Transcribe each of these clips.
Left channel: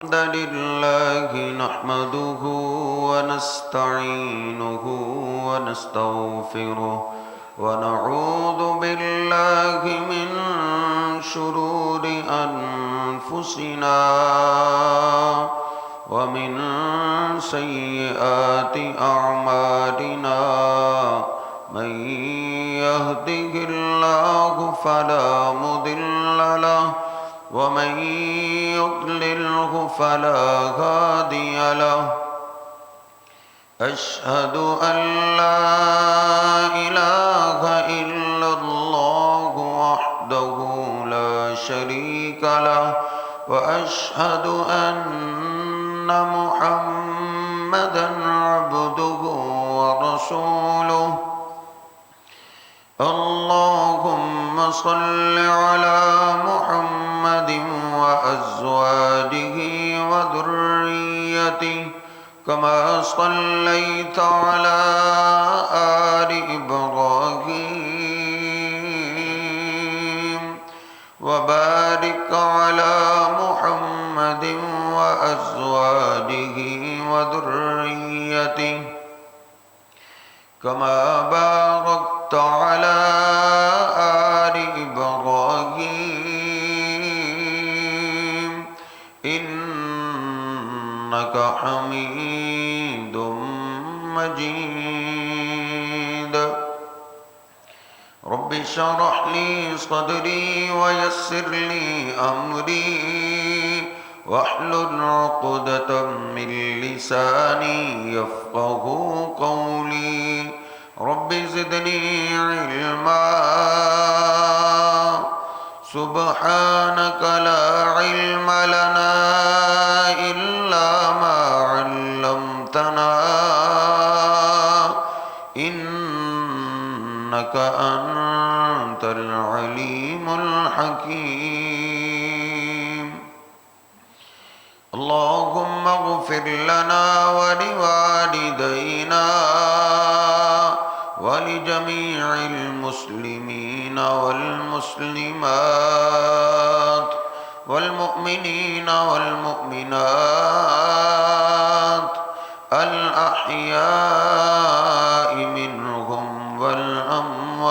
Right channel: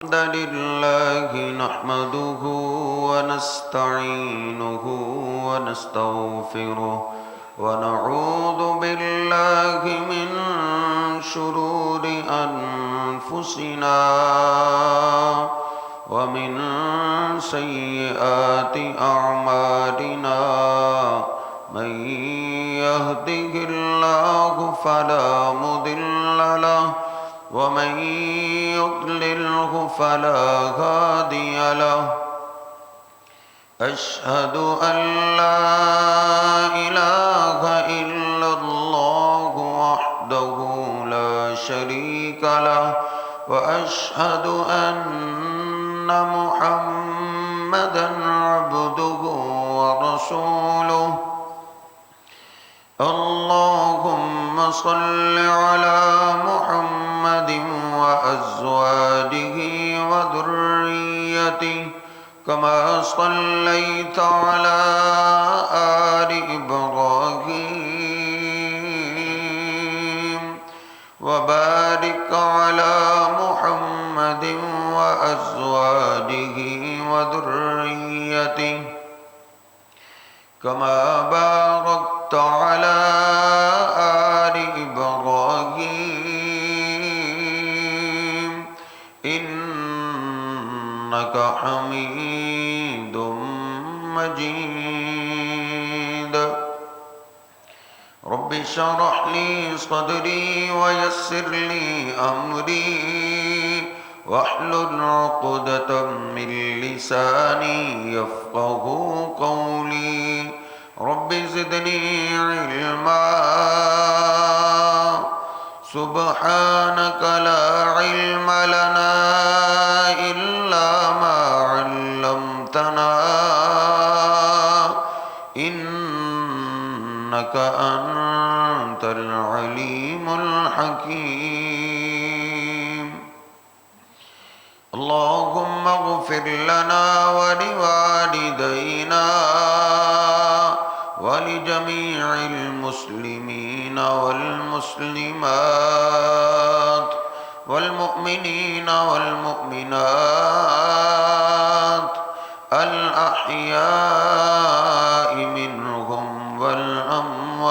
الحمد لله نحمده ونستعينه ونستغفره ونعوذ بالله من شرور أنفسنا ومن سيئات أعمالنا من يهده الله فلا مضل له ومن يضلله فلا هادي له أشهد أن لا إله إلا الله وحده لا شريك له وأشهد أن محمدا عبده ورسوله اللهم صل على محمد وأزواجه وذريته كما صليت على آل إبراهيم وبارك على محمد وأزواجه وذريته كما باركت على آل إبراهيم إنك حميد مجيد رب اشرح لي صدري ويسر لي أمري واحلل عقدة من لساني يفقه قولي رب زدني علما سبحانك لا علم لنا إلا ما علمتنا إنك أنت العليم الحكيم اللهم اغفر لنا ولوالدينا ولجميع المسلمين والمسلمات والمؤمنين والمؤمنات الأحياء منهم والأموات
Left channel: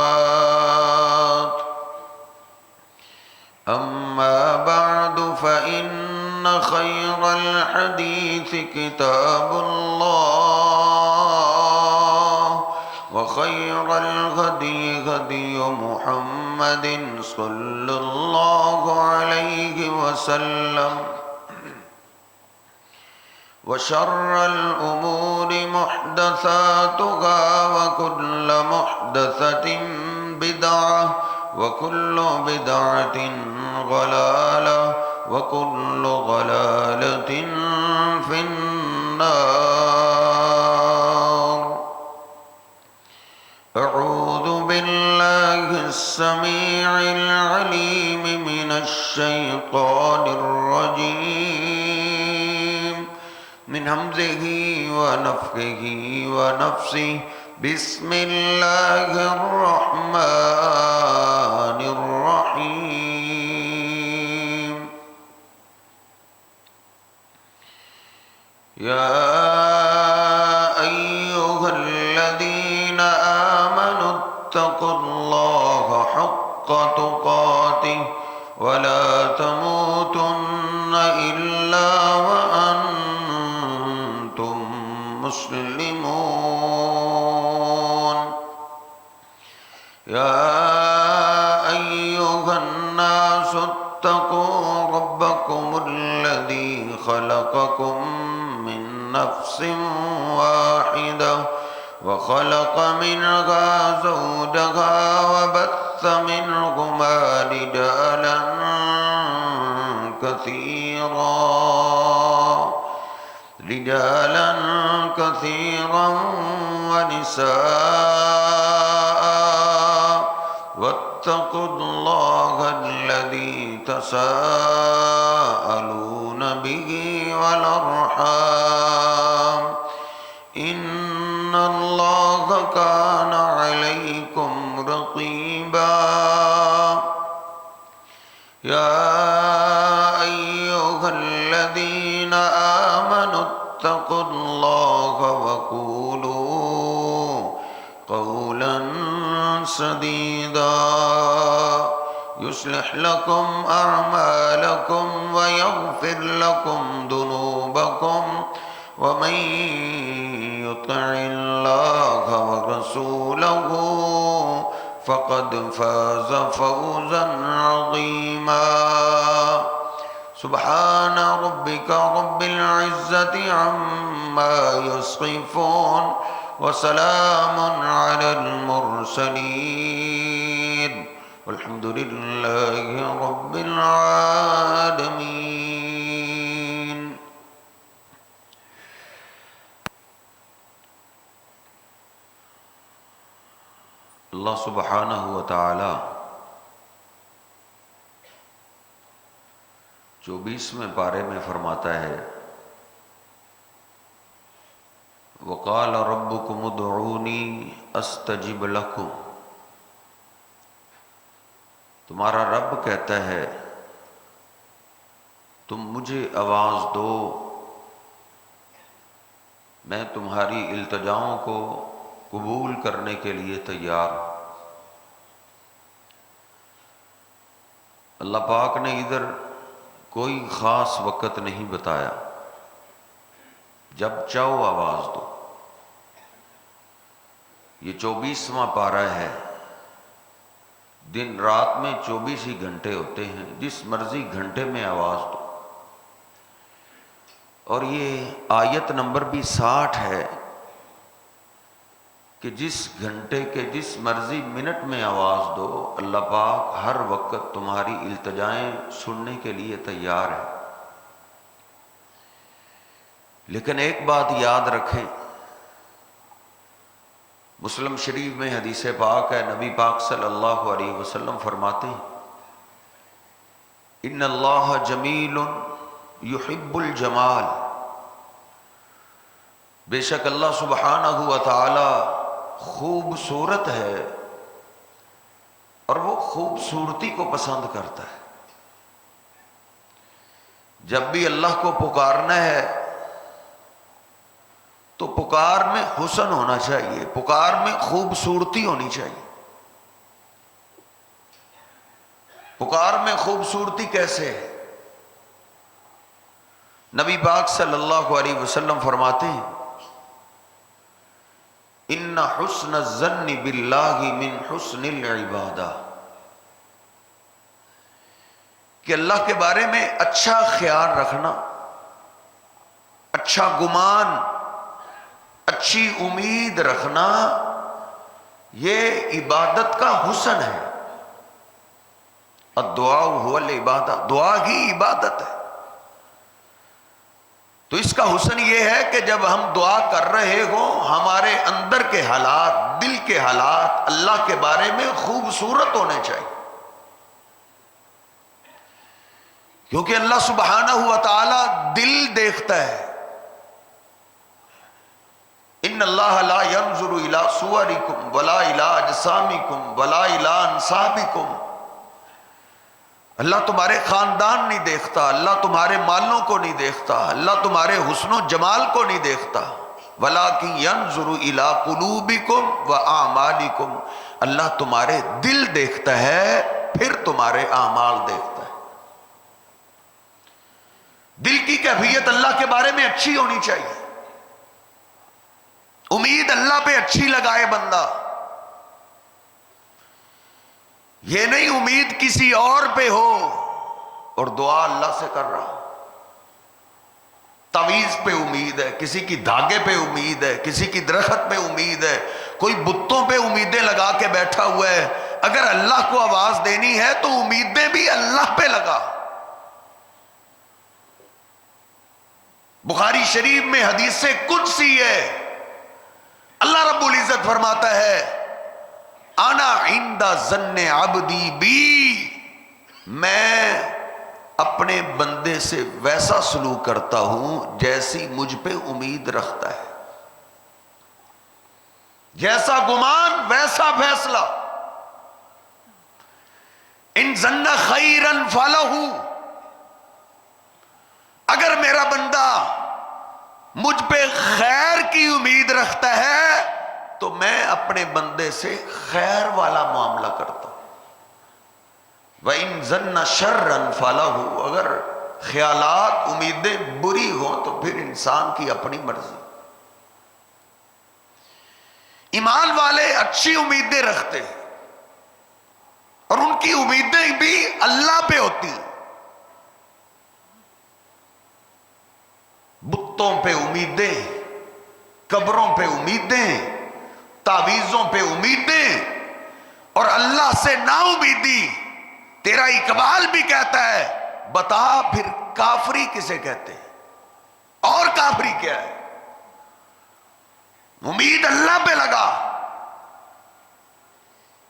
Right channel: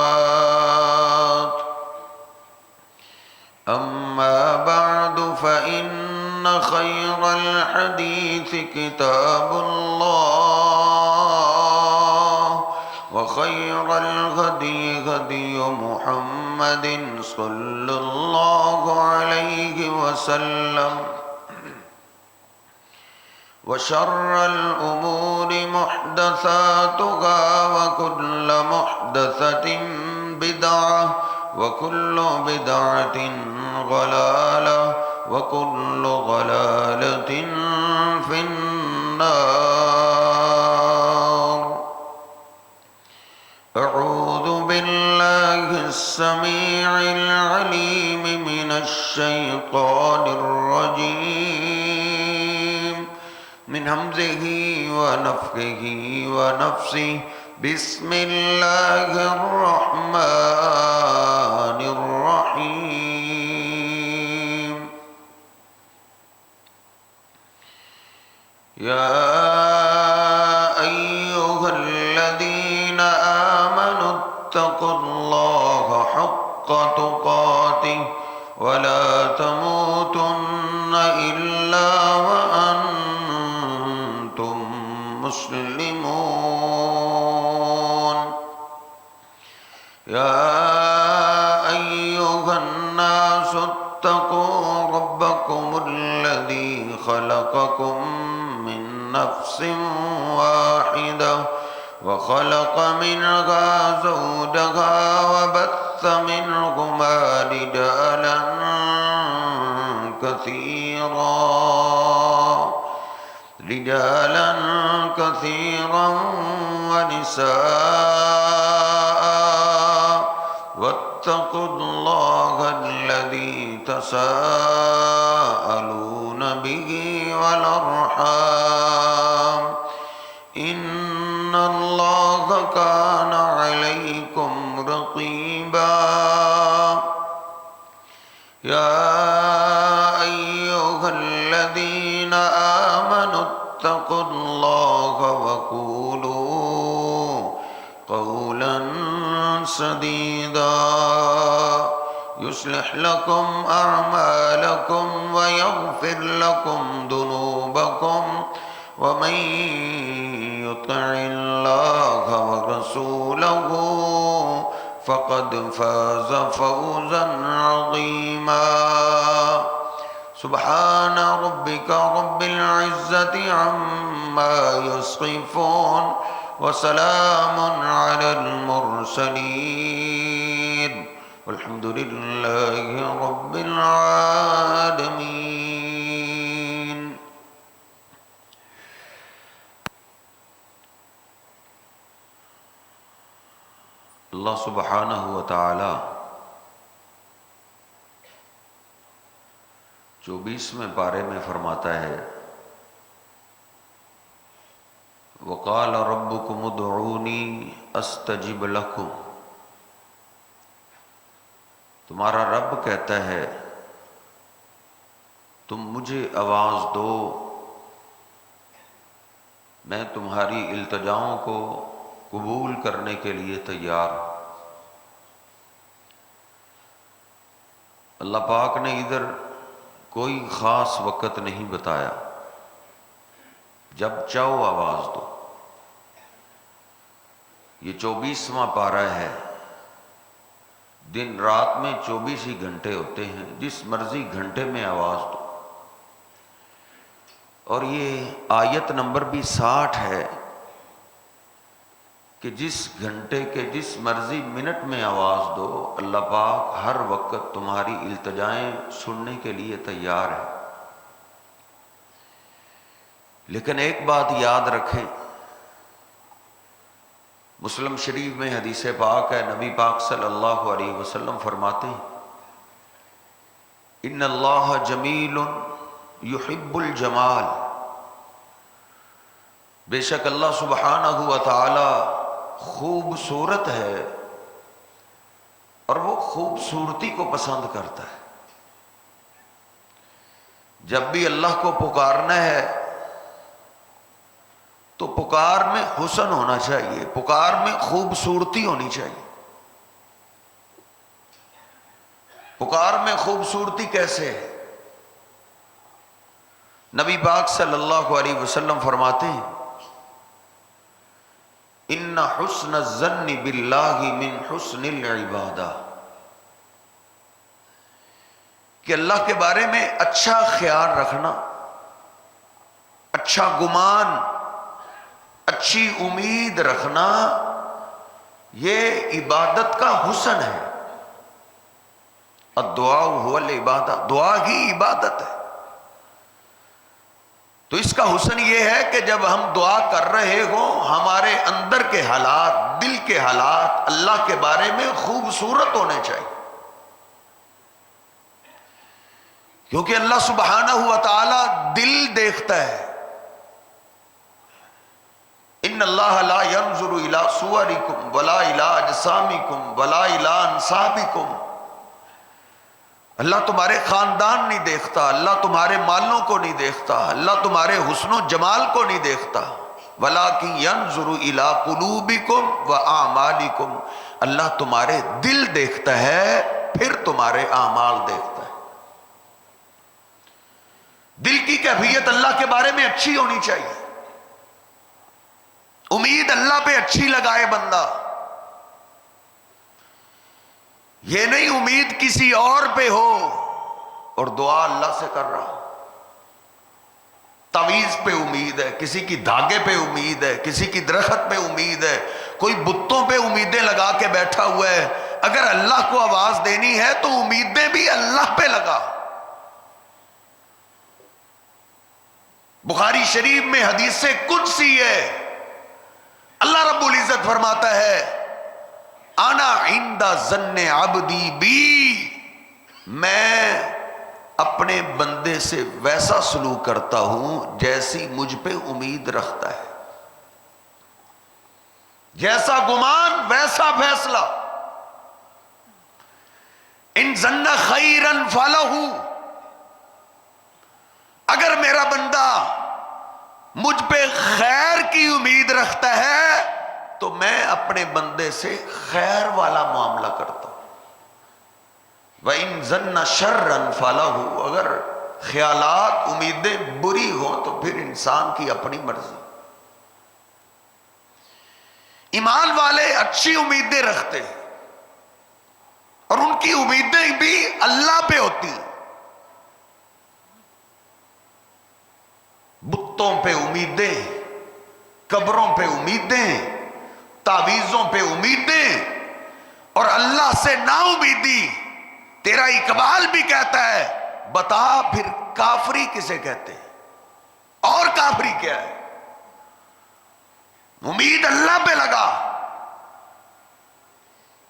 أما بعد فإن خير الحديث كتاب الله وخير الهدي هدي محمد صلى الله عليه وسلم وشر الأمور محدثاتها وكل محدثة بدعة وكل بدعة ضلالة وكل ضلالة في النار أعوذ بالله السميع العليم من الشيطان الرجيم من همزه ونفخه ونفسه بسم الله الرحمن الرحيم يا أيها الذين آمنوا اتقوا الله حق تقاته ولا تموتن إلا وأنتم مسلمون يا أيها الناس اتقوا ربكم الذي خلقكم من نفس واحدة وخلق منها زوجها وبث منهما رجالا كثيرا ونساء واتقوا الله الذي تساءلون به والأرحام إن الله كان عليكم رقيبا يا أيها الذين الذين آمنوا اتقوا الله وقولوا قولا سديدا يصلح لكم أعمالكم ويغفر لكم ذنوبكم ومن يطع الله ورسوله فقد فاز فوزا عظيما سبحان ربك رب العزة عما يصفون وسلام على المرسلين والحمد لله رب العالمين. اللہ سبحانہ و تعالی 24ویں پارے میں فرماتا ہے وقال ربكم ادعوني استجب لكم. تمہارا رب کہتا ہے تم مجھے آواز دو، میں تمہاری التجاؤں کو قبول کرنے کے لیے تیار ہوں. اللہ پاک نے ادھر کوئی خاص وقت نہیں بتایا، جب چاہو آواز دو. یہ 24واں پارہ ہے، دن رات میں 24 ہی گھنٹے ہوتے ہیں، جس مرضی گھنٹے میں آواز دو. اور یہ آیت نمبر بھی 60 ہے کہ جس گھنٹے کے جس مرضی منٹ میں آواز دو، اللہ پاک ہر وقت تمہاری التجائیں سننے کے لیے تیار ہے. لیکن ایک بات یاد رکھیں، مسلم شریف میں حدیث پاک ہے، نبی پاک صلی اللہ علیہ وسلم فرماتے ہیں ان اللہ جمیل یحب الجمال. بے شک اللہ سبحانہ و تعالی خوبصورت ہے اور وہ خوبصورتی کو پسند کرتا ہے. جب بھی اللہ کو پکارنا ہے تو پکار میں حسن ہونا چاہیے، پکار میں خوبصورتی ہونی چاہیے. پکار میں خوبصورتی کیسے ہے؟ نبی پاک صلی اللہ علیہ وسلم فرماتے ہیں ان حسن الظن باللہ من حسن العبادہ، کہ اللہ کے بارے میں اچھا خیال رکھنا، اچھا گمان، اچھی امید رکھنا، یہ عبادت کا حسن ہے. الدعاء هو العبادہ، دعا ہی عبادت ہے. تو اس کا حسن یہ ہے کہ جب ہم دعا کر رہے ہوں ہمارے اندر کے حالات، دل کے حالات اللہ کے بارے میں خوبصورت ہونے چاہیے. کیونکہ اللہ سبحانہ و تعالی دل دیکھتا ہے. ان اللہ لا ينظر الى صورکم ولا الى اجسامکم ولا الى انسابکم. اللہ تمہارے خاندان نہیں دیکھتا، اللہ تمہارے مالوں کو نہیں دیکھتا، اللہ تمہارے حسن و جمال کو نہیں دیکھتا. وَلَٰكِن يَنظُرُ إِلَىٰ قُلُوبِكُمْ وَأَعْمَالِكُمْ. اللہ تمہارے دل دیکھتا ہے، پھر تمہارے اعمال دیکھتا ہے. دل کی کیفیت اللہ کے بارے میں اچھی ہونی چاہیے. امید اللہ پہ اچھی لگائے بندہ، یہ نہیں امید کسی اور پہ ہو اور دعا اللہ سے کر رہا. تعویذ پہ امید ہے، کسی کی دھاگے پہ امید ہے، کسی کی درخت پہ امید ہے، کوئی بتوں پہ امیدیں لگا کے بیٹھا ہوا ہے. اگر اللہ کو آواز دینی ہے تو امیدیں بھی اللہ پہ لگا. بخاری شریف میں حدیث قدسی ہے، اللہ رب العزت فرماتا ہے انا عند ظن عبدی بی، میں اپنے بندے سے ویسا سلوک کرتا ہوں جیسی مجھ پہ امید رکھتا ہے. جیسا گمان ویسا فیصلہ. ان ظن خیرا فلہ، اگر میرا بندہ مجھ پہ خیر کی امید رکھتا ہے تو میں اپنے بندے سے خیر والا معاملہ کرتا ہوں. وَإِن ظَنَّ شَرًّا فَلَهُ، اگر خیالات امیدیں بری ہوں تو پھر انسان کی اپنی مرضی. ایمان والے اچھی امیدیں رکھتے ہیں اور ان کی امیدیں بھی اللہ پہ ہوتی ہیں. بتوں پہ امیدیں، قبروں پہ امیدیں، تعویذوں پہ امیدیں اور اللہ سے نا امیدی. تیرا اقبال بھی کہتا ہے بتا پھر کافری کسے کہتے ہیں، اور کافری کیا ہے؟ امید اللہ پہ لگا.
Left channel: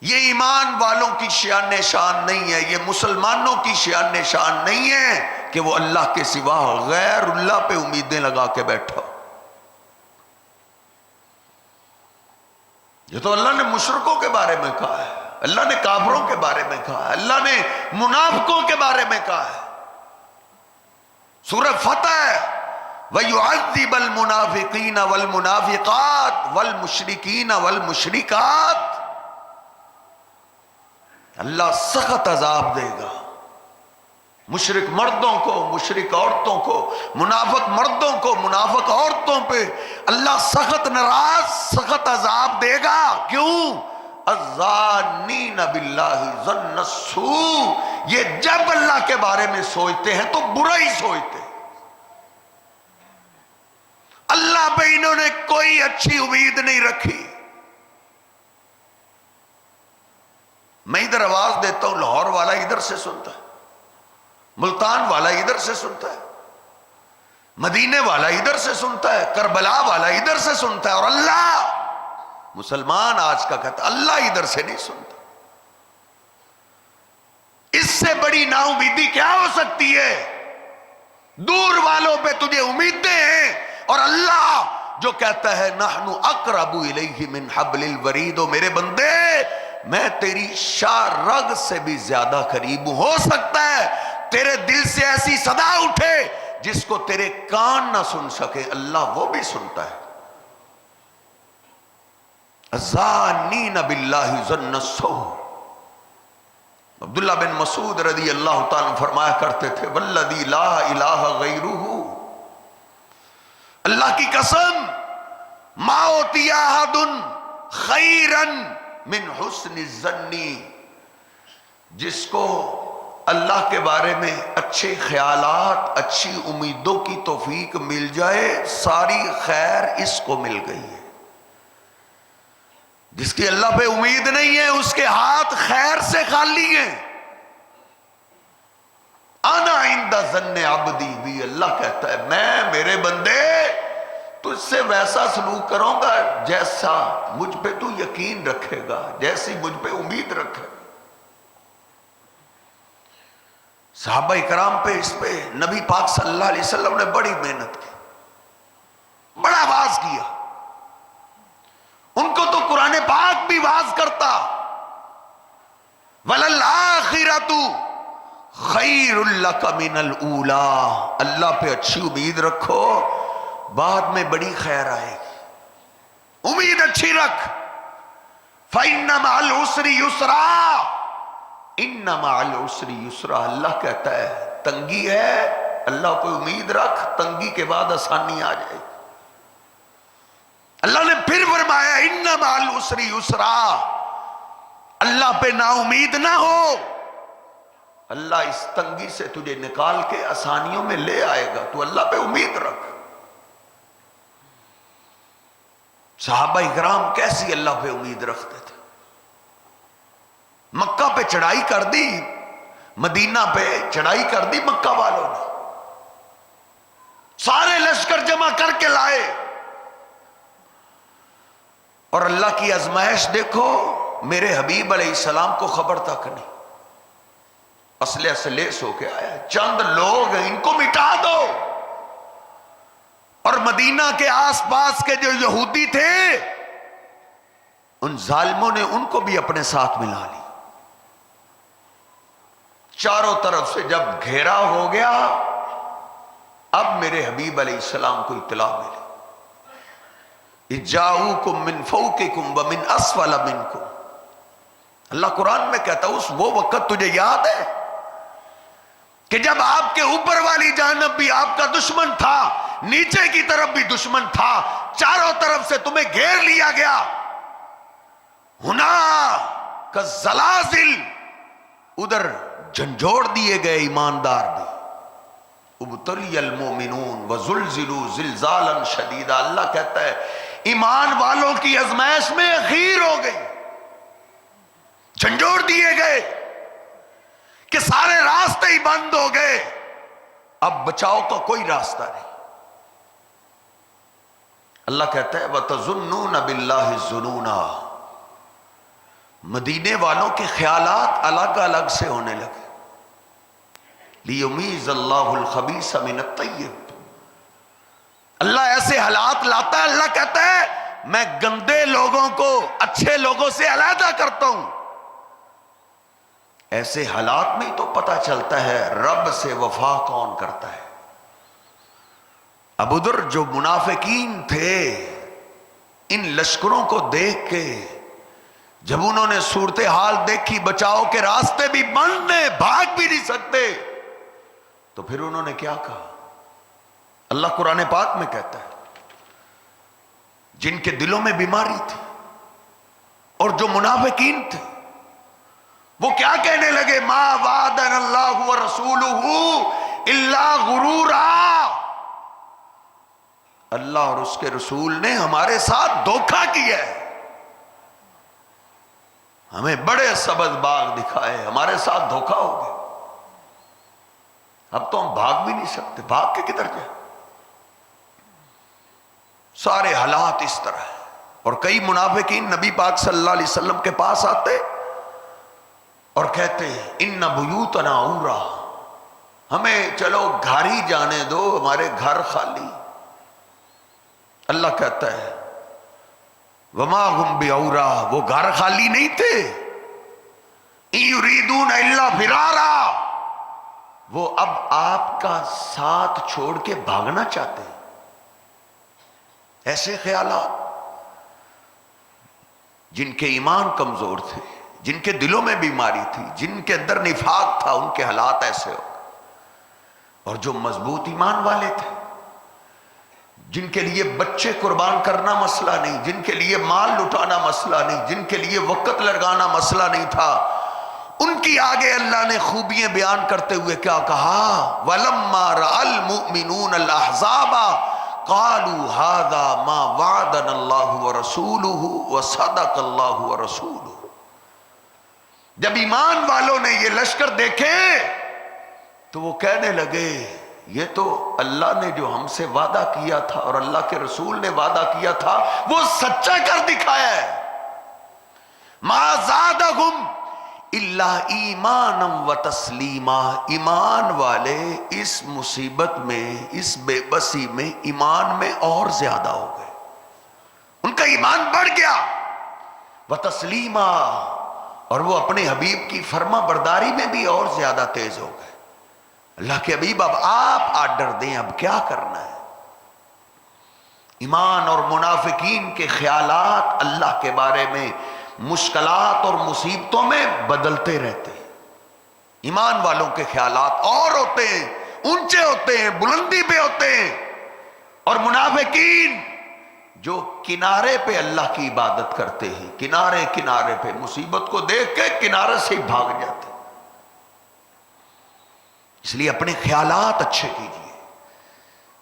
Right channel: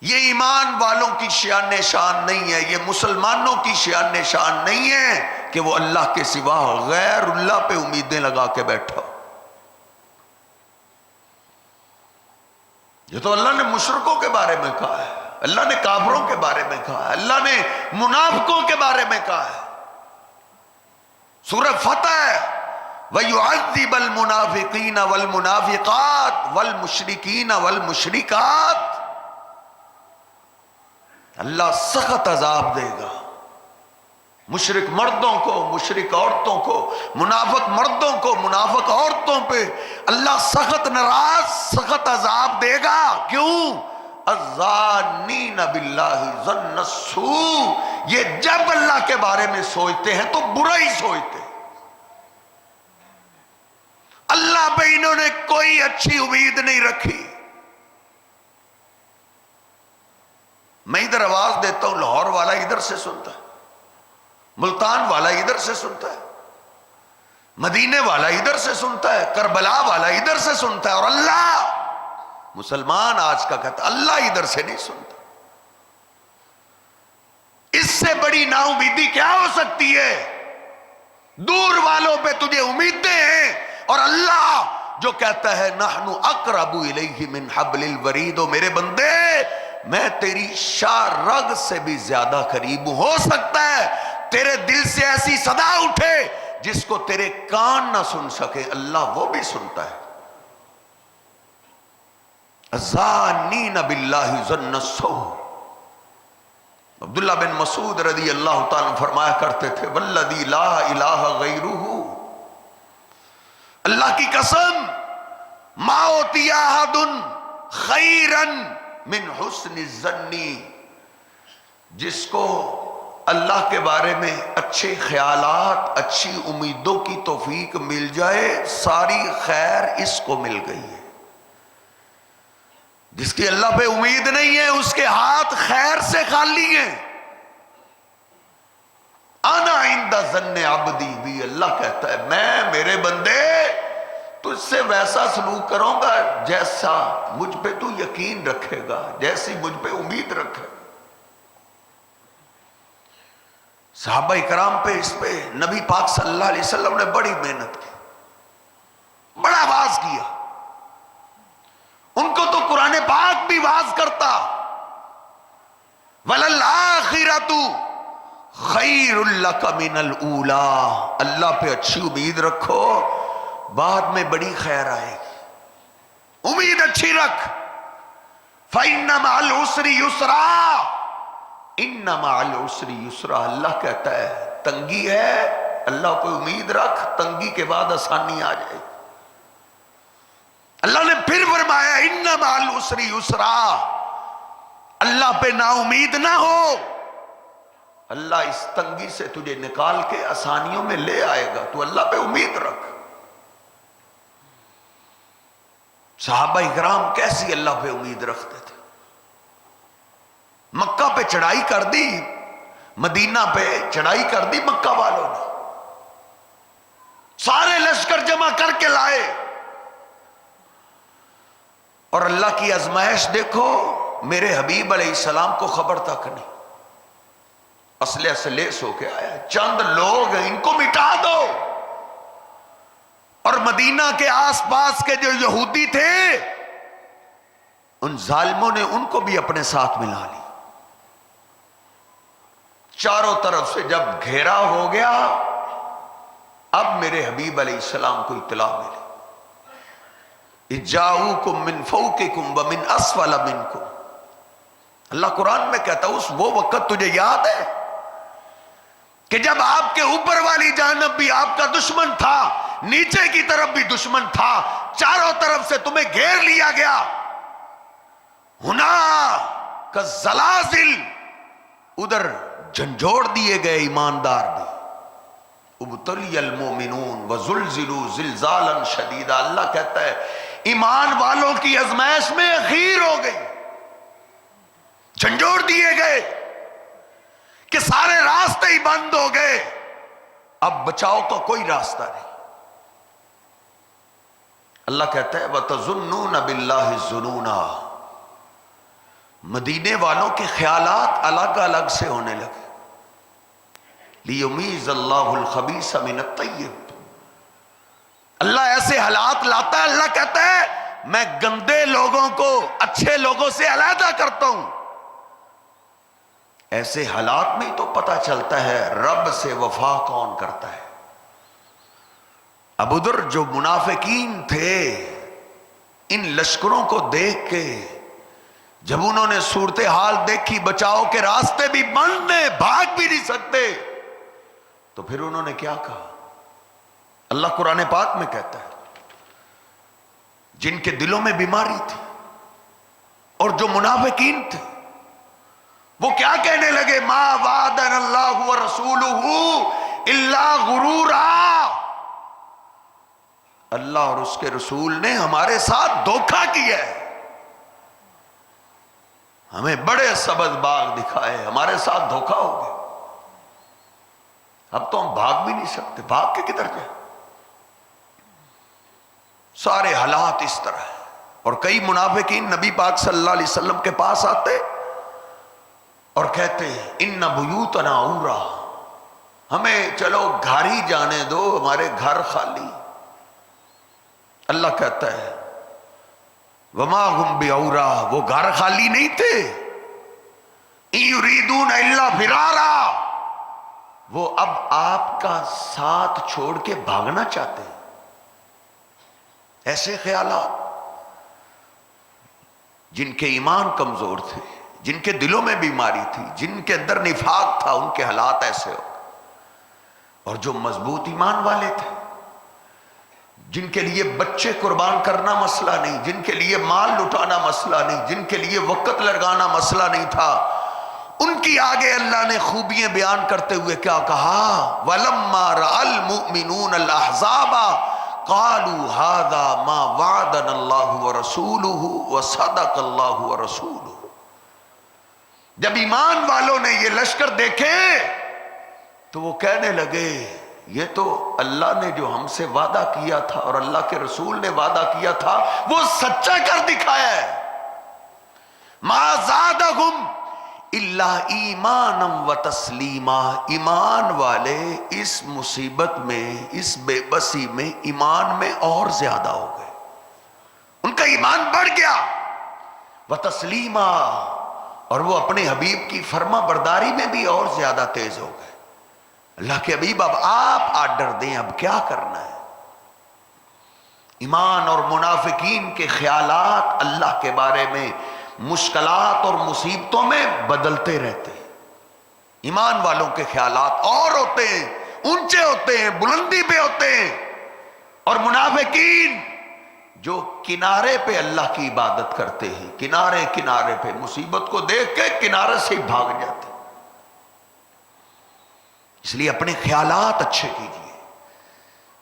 یہ ایمان والوں کی شان شان نہیں ہے، یہ مسلمانوں کی شان شان نہیں ہے کہ وہ اللہ کے سوا غیر اللہ پہ امیدیں لگا کے بیٹھا. یہ تو اللہ نے مشرکوں کے بارے میں کہا ہے، اللہ نے کافروں کے بارے میں کہا ہے، اللہ نے منافقوں کے بارے میں کہا ہے. سورہ فتح وَيُعَذِّبَ الْمُنَافِقِينَ وَالْمُنَافِقَاتِ وَالْمُشْرِكِينَ وَالْمُشْرِكَاتِ. اللہ سخت عذاب دے گا مشرک مردوں کو، مشرک عورتوں کو، منافق مردوں کو، منافق عورتوں پہ اللہ سخت ناراض، سخت عذاب دے گا. کیوں؟ الظانین باللہ ظن السوء. یہ جب اللہ کے بارے میں سوچتے ہیں تو برا ہی سوچتے ہیں. اللہ پہ انہوں نے کوئی اچھی امید نہیں رکھی. میں ادھر آواز دیتا ہوں، لاہور والا ادھر سے سنتا ہے، ملتان والا ادھر سے سنتا ہے، مدینے والا ادھر سے سنتا ہے، کربلا والا ادھر سے سنتا ہے، اور اللہ مسلمان آج کا کہتا ہے اللہ ادھر سے نہیں سنتا. اس سے بڑی نا امیدی کیا ہو سکتی ہے؟ دور والوں پہ تجھے امیدیں ہیں اور اللہ جو کہتا ہے نحن اقرب الیہ من حبل الورید. و میرے بندے میں تیری شاہ رگ سے بھی زیادہ قریب ہوں. ہو سکتا ہے تیرے دل سے ایسی صدا اٹھے جس کو تیرے کان نہ سن سکے، اللہ وہ بھی سنتا ہے. الظانین باللہ ظن السوء. عبداللہ بن مسعود رضی اللہ تعالیٰ فرمایا کرتے تھے والذی لا الہ غیرہ، اللہ کی قسم ما اوتی احد خیرا من حسن الظن. جس کو اللہ کے بارے میں اچھے خیالات، اچھی امیدوں کی توفیق مل جائے، ساری خیر اس کو مل گئی ہے. جس کی اللہ پہ امید نہیں ہے اس کے ہاتھ خیر سے خالی ہیں. انا عند ظن عبدی بھی، اللہ کہتا ہے میں میرے بندے تجھ سے ویسا سلوک کروں گا جیسا مجھ پہ تو یقین رکھے گا، جیسی مجھ پہ امید رکھے گا. صحابہ کرام پہ اس پہ نبی پاک صلی اللہ علیہ وسلم نے بڑی محنت کی، بڑا واز کیا. ان کو تو قرآن پاک بھی واز کرتا وَلَلْآخِرَةُ خَيْرٌ لَكَ مِنَ الْأُولَىٰ. اللہ پہ اچھی امید رکھو، بعد میں بڑی خیر آئے گی. امید اچھی رکھ. فَإِنَّ مَعَ الْعُسْرِ يُسْرًا، اِنَّ مَعَ الْعُسْرِ يُسْرًا. اللہ کہتا ہے تنگی ہے، اللہ پہ امید رکھ، تنگی کے بعد آسانی آ جائے گی. اللہ نے پھر فرمایا اِنَّ مَعَ الْعُسْرِ يُسْرًا. اللہ پہ نا امید نہ ہو، اللہ اس تنگی سے تجھے نکال کے آسانیوں میں لے آئے گا. تو اللہ پہ امید رکھ. صحابہ کرام کیسی اللہ پہ امید رکھتے تھے. مکہ پہ چڑھائی کر دی، مدینہ پہ چڑھائی کر دی مکہ والوں نے، سارے لشکر جمع کر کے لائے، اور اللہ کی آزمائش دیکھو، میرے حبیب علیہ السلام کو خبر تک نہیں. اسلحے سے لیس ہو کے آیا، چند لوگ ان کو مٹا دو. اور مدینہ کے آس پاس کے جو یہودی تھے ان ظالموں نے ان کو بھی اپنے ساتھ ملا لی. چاروں طرف سے جب گھیرا ہو گیا اب میرے حبیب علیہ السلام کو اطلاع ملی، اجاؤکم من فوقکم ومن اسفل منکم، اللہ قرآن میں کہتا ہے اس وہ وقت تجھے یاد ہے کہ جب آپ کے اوپر والی جانب بھی آپ کا دشمن تھا، نیچے کی طرف بھی دشمن تھا، چاروں طرف سے تمہیں گھیر لیا گیا، ہنا کا زلازل، ادھر جھنجھوڑ دیے گئے ایماندار بھی، ابتلی المؤمنون وزلزلوا زلزالا شدیدا، اللہ کہتا ہے ایمان والوں کی آزمائش میں اخیر ہو گئی، جھنجھوڑ دیے گئے کہ سارے راستے ہی بند ہو گئے، اب بچاؤ کا کوئی راستہ نہیں۔ اللہ کہتا ہے وَتَظُنُّونَ بِاللَّهِ الظُّنُونَا، مدینے والوں کے خیالات الگ الگ سے ہونے لگے، لِيُمِيزَ اللَّهُ الْخَبِيثَ مِنَ الطَّيِّبِ، اللہ ایسے حالات لاتا ہے، اللہ کہتا ہے میں گندے لوگوں کو اچھے لوگوں سے علیحدہ کرتا ہوں۔ ایسے حالات میں تو پتہ چلتا ہے رب سے وفا کون کرتا ہے۔ اب ادھر جو منافقین تھے، ان لشکروں کو دیکھ کے جب انہوں نے صورتحال دیکھی، بچاؤ کے راستے بھی بند ہیں، بھاگ بھی نہیں سکتے، تو پھر انہوں نے کیا کہا؟ اللہ قرآن پاک میں کہتا ہے جن کے دلوں میں بیماری تھی اور جو منافقین تھے وہ کیا کہنے لگے؟ ما وعدنا اللہ ورسولہ الا غرورا، اللہ اور اس کے رسول نے ہمارے ساتھ دھوکہ کیا ہے، ہمیں بڑے سبز باغ دکھائے، ہمارے ساتھ دھوکہ ہو گیا، اب تو ہم بھاگ بھی نہیں سکتے، بھاگ کے کدھر جائیں؟ سارے حالات اس طرح ہیں۔ اور کئی منافقین نبی پاک صلی اللہ علیہ وسلم کے پاس آتے اور کہتے ہیں ان بیوتنا عورا، ہمیں چلو گھر ہی جانے دو، ہمارے گھر خالی۔ اللہ کہتا ہے وما ہم بعورا، وہ گھر خالی نہیں تھے، ان یریدون الا فرارا، وہ اب آپ کا ساتھ چھوڑ کے بھاگنا چاہتے ہیں۔ ایسے خیالات، جن کے ایمان کمزور تھے، جن کے دلوں میں بیماری تھی، جن کے اندر نفاق تھا، ان کے حالات ایسے ہو۔ اور جو مضبوط ایمان والے تھے، جن کے لیے بچے قربان کرنا مسئلہ نہیں، جن کے لیے مال لٹانا مسئلہ نہیں، جن کے لیے وقت لگانا مسئلہ نہیں تھا، ان کی آگے اللہ نے خوبیاں بیان کرتے ہوئے کیا کہا؟ وَلَمَّا رَأَى الْمُؤْمِنُونَ الْأَحْزَابَ قَالُوا هَذَا مَا وَعَدَنَا اللَّهُ وَرَسُولُهُ وَصَدَقَ اللَّهُ وَرَسُولُهُ، جب ایمان والوں نے یہ لشکر دیکھے تو وہ کہنے لگے یہ تو اللہ نے جو ہم سے وعدہ کیا تھا اور اللہ کے رسول نے وعدہ کیا تھا وہ سچا کر دکھایا ہے۔ مَا زَادَهُمْ إِلَّا إِيمَانًا وَتَسْلِيمًا، ایمان والے اس مصیبت میں، اس بے بسی میں، ایمان میں اور زیادہ ہو گئے، ان کا ایمان بڑھ گیا، وَتَسْلِيمًا، اور وہ اپنے حبیب کی فرما برداری میں بھی اور زیادہ تیز ہو گئے۔ اللہ کے حبیب اب آپ آرڈر دیں، اب کیا کرنا ہے؟ ایمان اور منافقین کے خیالات اللہ کے بارے میں مشکلات اور مصیبتوں میں بدلتے رہتے ہیں۔ ایمان والوں کے خیالات اور ہوتے ہیں، اونچے ہوتے ہیں، بلندی پہ ہوتے ہیں، اور منافقین جو کنارے پہ اللہ کی عبادت کرتے ہیں، کنارے کنارے پہ مصیبت کو دیکھ کے کنارے سے ہی بھاگ جاتے ہیں۔ اس لیے اپنے خیالات اچھے کیجئے،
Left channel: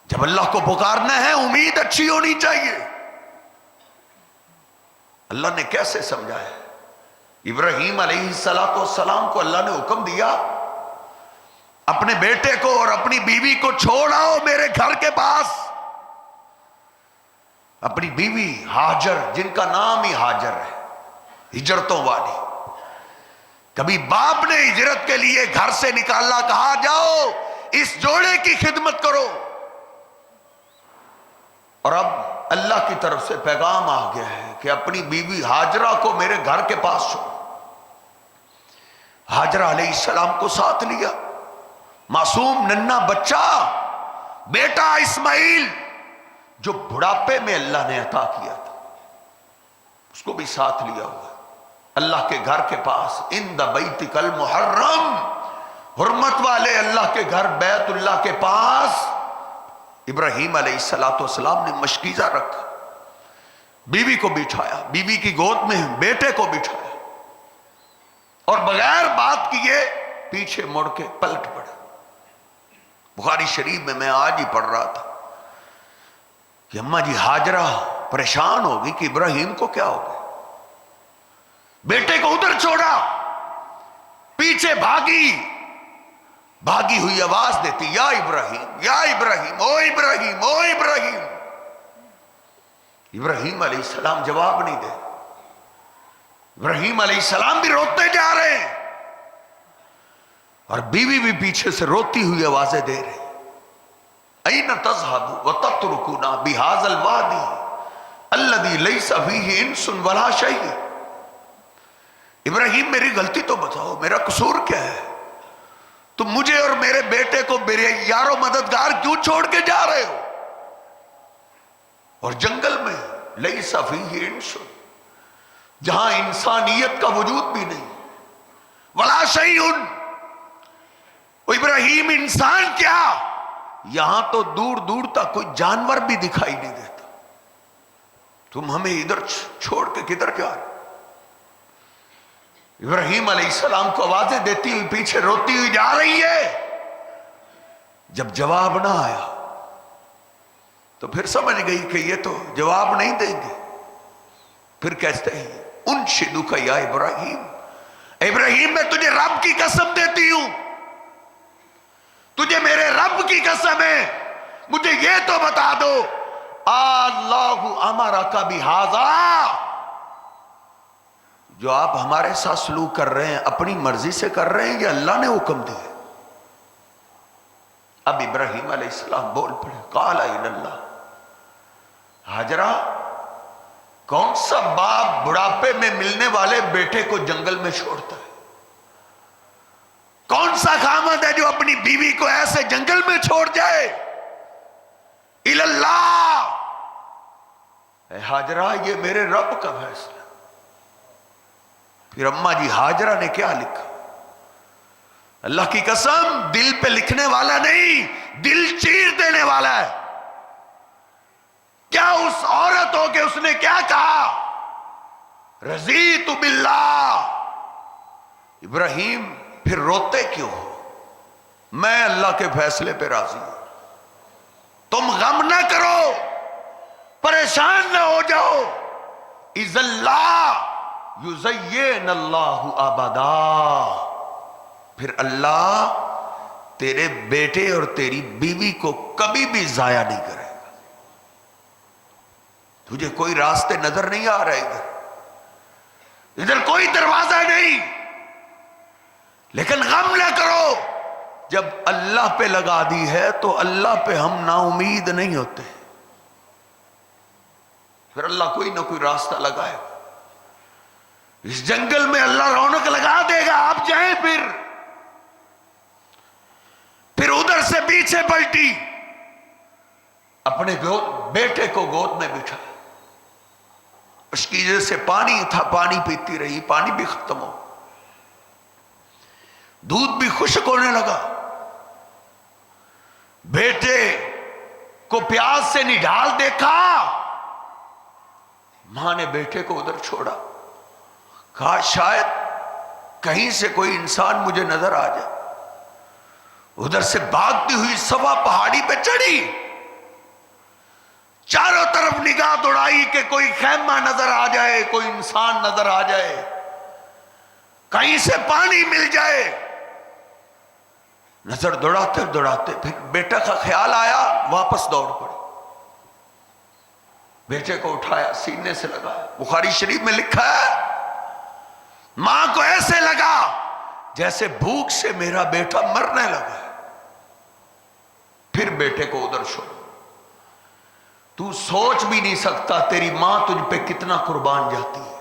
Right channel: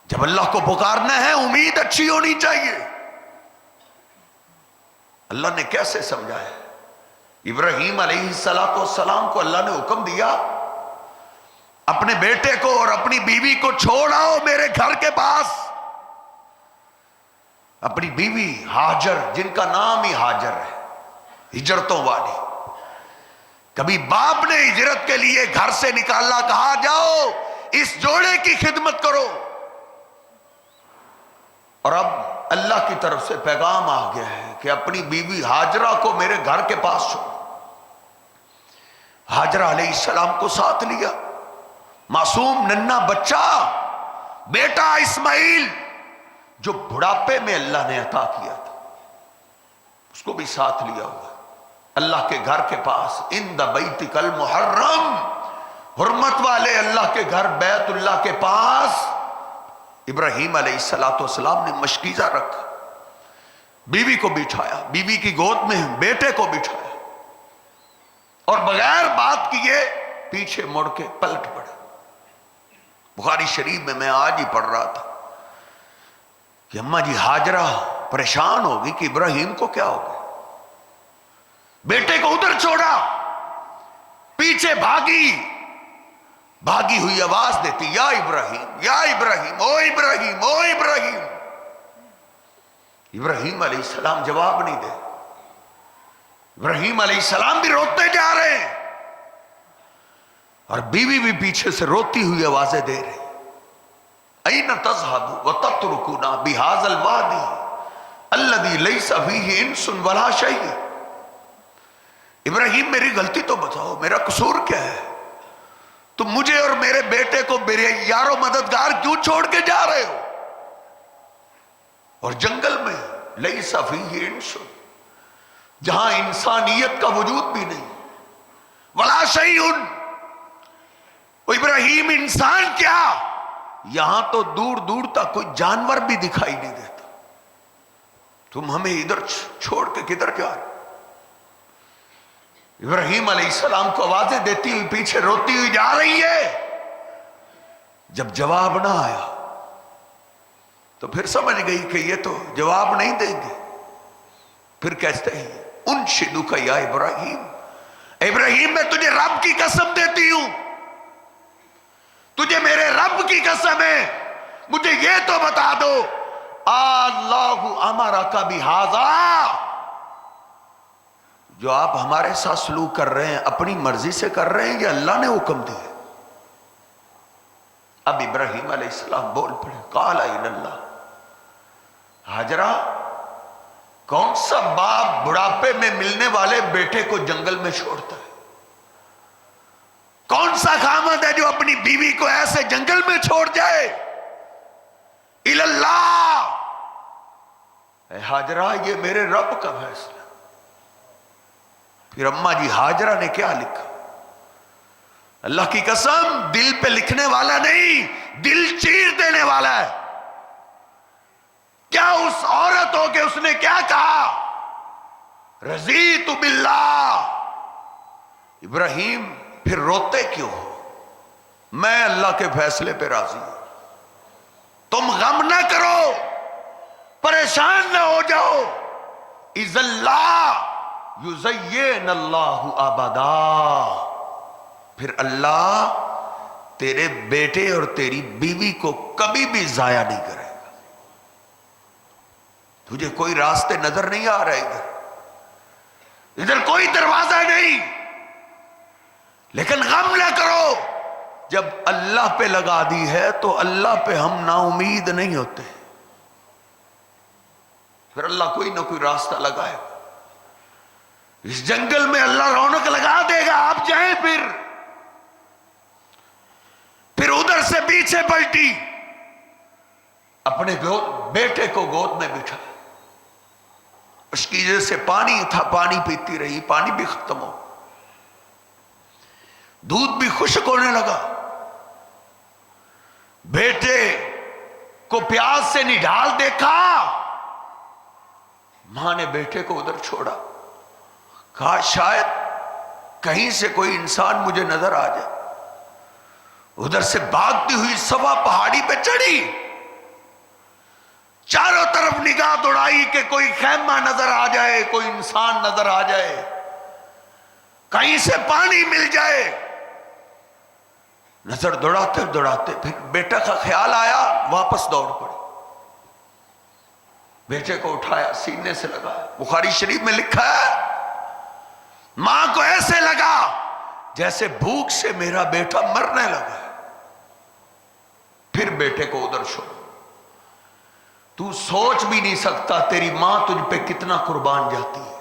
جب اللہ کو پکارنا ہے امید اچھی ہونی چاہیے۔ اللہ نے کیسے سمجھایا؟ ابراہیم علیہ السلام کو اللہ نے حکم دیا اپنے بیٹے کو اور اپنی بیوی کو چھوڑ آؤ میرے گھر کے پاس۔ اپنی بیوی ہاجر، جن کا نام ہی ہاجر ہے، ہجرتوں والی، کبھی باپ نے ہجرت کے لیے گھر سے نکالا، کہا جاؤ اس جوڑے کی خدمت کرو، اور اب اللہ کی طرف سے پیغام آ گیا ہے کہ اپنی بیوی ہاجرہ کو میرے گھر کے پاس چھوڑو۔ ہاجرہ علیہ السلام کو ساتھ لیا، معصوم ننھا بچہ بیٹا اسماعیل جو بڑھاپے میں اللہ نے عطا کیا تھا اس کو بھی ساتھ لیا ہوا اللہ کے گھر کے پاس عند بیتک المحرم، حرمت والے اللہ کے گھر بیت اللہ کے پاس ابراہیم علیہ السلام نے مشکیزہ رکھا، بیوی کو بٹھایا، بیوی کی گود میں بیٹے کو بٹھایا اور بغیر بات کیے پیچھے مڑ کے پلٹ پڑا۔ بخاری شریف میں آج ہی پڑھ رہا تھا کہ اماں جی ہاجرہ پریشان ہوگی کہ ابراہیم کو کیا ہوگا، بیٹے کو ادھر چھوڑا، پیچھے بھاگی ہوئی آواز دیتی یا ابراہیم یا ابراہیم، او ابراہیم او ابراہیم۔ ابراہیم علیہ السلام جواب نہیں دے، ابراہیم علیہ السلام بھی روتے جا رہے ہیں اور بیوی بھی پیچھے سے روتی ہوئی آوازیں دے رہے، این تذهبوا وتتركونا بهذا الوادي الذي ليس فيه انس ولا شيء۔ ابراہیم میری غلطی تو بتاؤ، میرا قصور کیا ہے، تم مجھے اور میرے بیٹے کو میرے یار و مددگار کیوں چھوڑ کے جا رہے ہو، اور جنگل میں لیس فیہ انس، جہاں انسانیت کا وجود بھی نہیں، ولا شیء، ابراہیم انسان کیا، یہاں تو دور دور تک کوئی جانور بھی دکھائی نہیں دیتا، تم ہمیں ادھر چھوڑ کے کدھر جا رہے؟ ابراہیم علیہ السلام کو آوازیں دیتی ہوئی پیچھے روتی ہوئی جا رہی ہے۔ جب جواب نہ آیا تو پھر سمجھ گئی کہ یہ تو جواب نہیں دیں گے، پھر کہتے ہیں انشدک یا ابراہیم، ابراہیم میں تجھے رب کی قسم دیتی ہوں، تجھے میرے رب کی قسم ہے، مجھے یہ تو بتا دو اللہ امرک بہذا، جو آپ ہمارے ساتھ سلوک کر رہے ہیں اپنی مرضی سے کر رہے ہیں یا اللہ نے حکم دیا؟ اب ابراہیم علیہ السلام بول پڑے، قال ان اللہ، ہاجرہ کون سا باپ بڑھاپے میں ملنے والے بیٹے کو جنگل میں چھوڑتا ہے؟ کون سا خامد ہے جو اپنی بیوی کو ایسے جنگل میں چھوڑ جائے؟ الی اللہ، اے ہاجرہ یہ میرے رب کا فیصلہ۔ پھر اماں جی ہاجرہ نے کیا لکھا؟ اللہ کی قسم دل پہ لکھنے والا نہیں، دل چیر دینے والا ہے۔ کیا اس عورت ہو کہ اس نے کیا کہا؟ رضیت باللہ، ابراہیم پھر روتے کیوں ہو؟ میں اللہ کے فیصلے پہ راضی ہوں، تم غم نہ کرو، پریشان نہ ہو جاؤ، اذ اللہ یزین اللہ ابدا، پھر اللہ تیرے بیٹے اور تیری بیوی کو کبھی بھی ضائع نہیں کرے گا۔ تجھے کوئی راستے نظر نہیں آ رہے، ادھر کوئی دروازہ نہیں، لیکن غم نہ کرو، جب اللہ پہ لگا دی ہے تو اللہ پہ ہم نا امید نہیں ہوتے، پھر اللہ کوئی نہ کوئی راستہ لگائے، اس جنگل میں اللہ رونق لگا دے گا، آپ جائیں۔ پھر ادھر سے پیچھے پلٹی، اپنے بیٹے کو گود میں بٹھا، اس کی وجہ سے پانی تھا، پانی پیتی رہی، پانی بھی ختم ہو، دودھ بھی خشک ہونے لگا، بیٹے کو پیاس سے نڈھال دیکھا، ماں نے بیٹے کو ادھر چھوڑا، کہا شاید کہیں سے کوئی انسان مجھے نظر آ جائے، ادھر سے بھاگتی ہوئی صفا پہاڑی پہ چڑھی، چاروں طرف نگاہ دوڑائی کہ کوئی خیمہ نظر آ جائے، کوئی انسان نظر آ جائے، کہیں سے پانی مل جائے، نظر دوڑاتے دوڑاتے پھر بیٹا کا خیال آیا، واپس دوڑ پڑی، بیٹے کو اٹھایا، سینے سے لگایا۔ بخاری شریف میں لکھا ہے ماں کو ایسے لگا جیسے بھوک سے میرا بیٹا مرنے لگا ہے، پھر بیٹے کو ادھر چھوڑ۔ تو سوچ بھی نہیں سکتا تیری ماں تجھ پہ کتنا قربان جاتی ہے،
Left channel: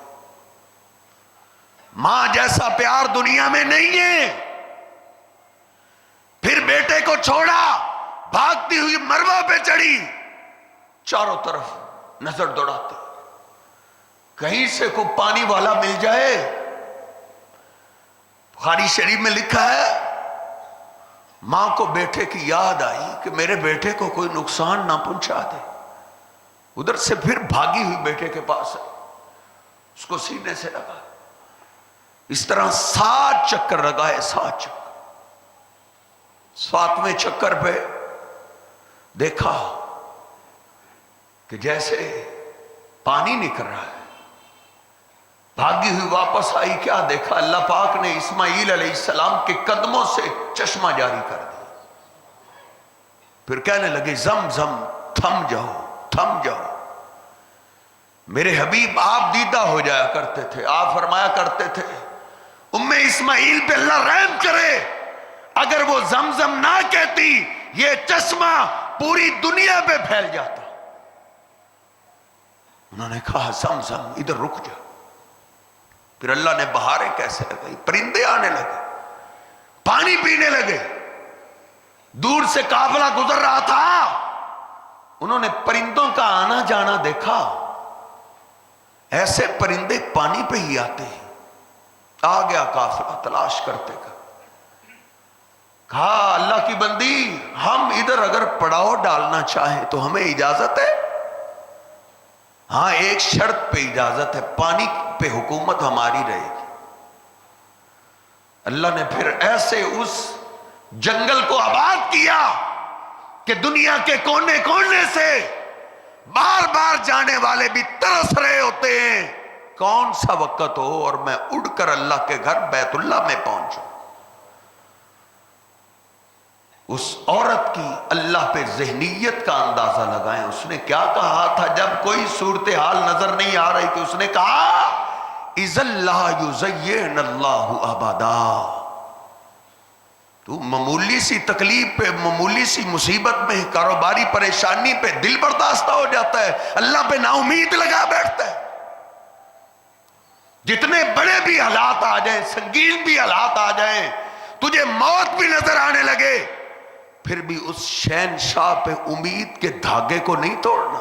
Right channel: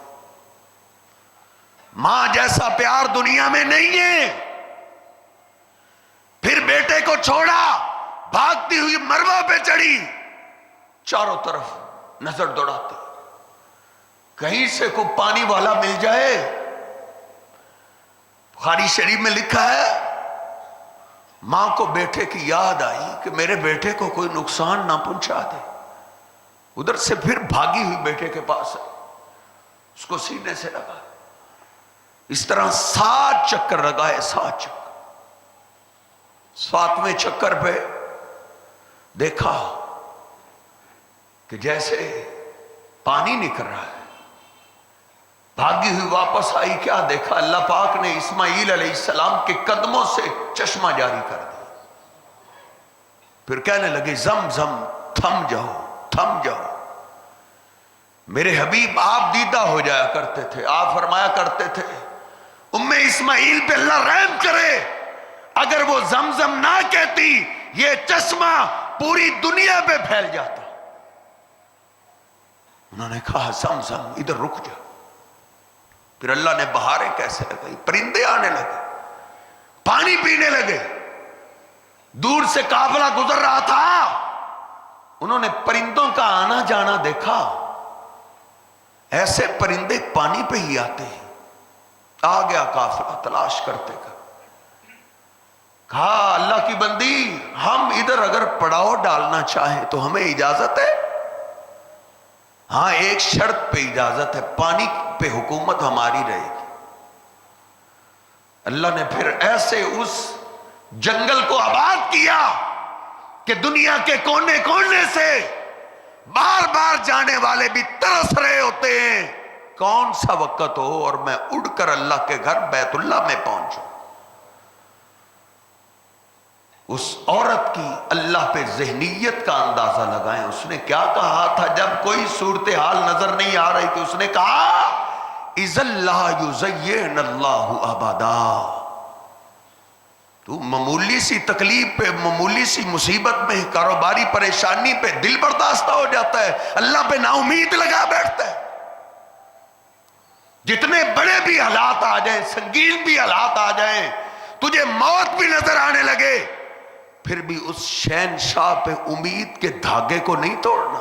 ماں جیسا پیار دنیا میں نہیں ہے۔ پھر بیٹے کو چھوڑا، بھاگتی ہوئی مروا پہ چڑھی، چاروں طرف نظر دوڑاتی، کہیں سے کوئی پانی والا مل جائے۔ بخاری شریف میں لکھا ہے ماں کو بیٹے کی یاد آئی کہ میرے بیٹے کو کوئی نقصان نہ پہنچا دے، ادھر سے پھر بھاگی ہوئی بیٹے کے پاس آئی، اس کو سینے سے لگا، اس طرح 7 چکر لگائے، 7 چکر۔ 7ویں چکر پہ دیکھا کہ جیسے پانی نکل رہا ہے، بھاگی ہوئی واپس آئی، کیا دیکھا؟ اللہ پاک نے اسماعیل علیہ السلام کے قدموں سے چشمہ جاری کر دیا۔ پھر کہنے لگے زمزم تھم جاؤ، تھم جاؤ۔ میرے حبیب آپ دیدہ ہو جایا کرتے تھے، آپ فرمایا کرتے تھے اسماعیل پہ اللہ رحم کرے، اگر وہ زمزم نہ کہتی یہ چشمہ پوری دنیا پہ پھیل جاتا۔ انہوں نے کہا زمزم ادھر رک جا۔ پھر اللہ نے بہاریں کیسے لگائی، پرندے آنے لگے، پانی پینے لگے۔ دور سے قافلہ گزر رہا تھا، انہوں نے پرندوں کا آنا جانا دیکھا، ایسے پرندے پانی پہ ہی آتے ہیں۔ آ گیا قافلہ تلاش کرتے کر، کہا اللہ کی بندی ہم ادھر اگر پڑاؤ ڈالنا چاہیں تو ہمیں اجازت ہے؟ ہاں ایک شرط پہ اجازت ہے، پانی پہ حکومت ہماری رہے گی۔ اللہ نے پھر ایسے اس جنگل کو آباد کیا کہ دنیا کے کونے کونے سے بار بار جانے والے بھی ترس رہے ہوتے ہیں کون سا وقت ہو اور میں اڑ کر اللہ کے گھر بیت اللہ میں پہنچوں۔ اس عورت کی اللہ پہ ذہنیت کا اندازہ لگائیں، اس نے کیا کہا تھا جب کوئی صورتحال نظر نہیں آ رہی تھی؟ اس نے کہا اِذَا اللَّهُ يُزَيِّنَ اللَّهُ أَبَدًا۔ تو معمولی سی تکلیف پہ، معمولی سی مصیبت میں، کاروباری پریشانی پہ دل برداشتہ ہو جاتا ہے، اللہ پہ نا امید لگا بیٹھتا ہے۔ جتنے بڑے بھی حالات آ جائیں، سنگین بھی حالات آ جائیں، تجھے موت بھی نظر آنے لگے، پھر بھی اس شہنشاہ پہ امید کے دھاگے کو نہیں توڑنا۔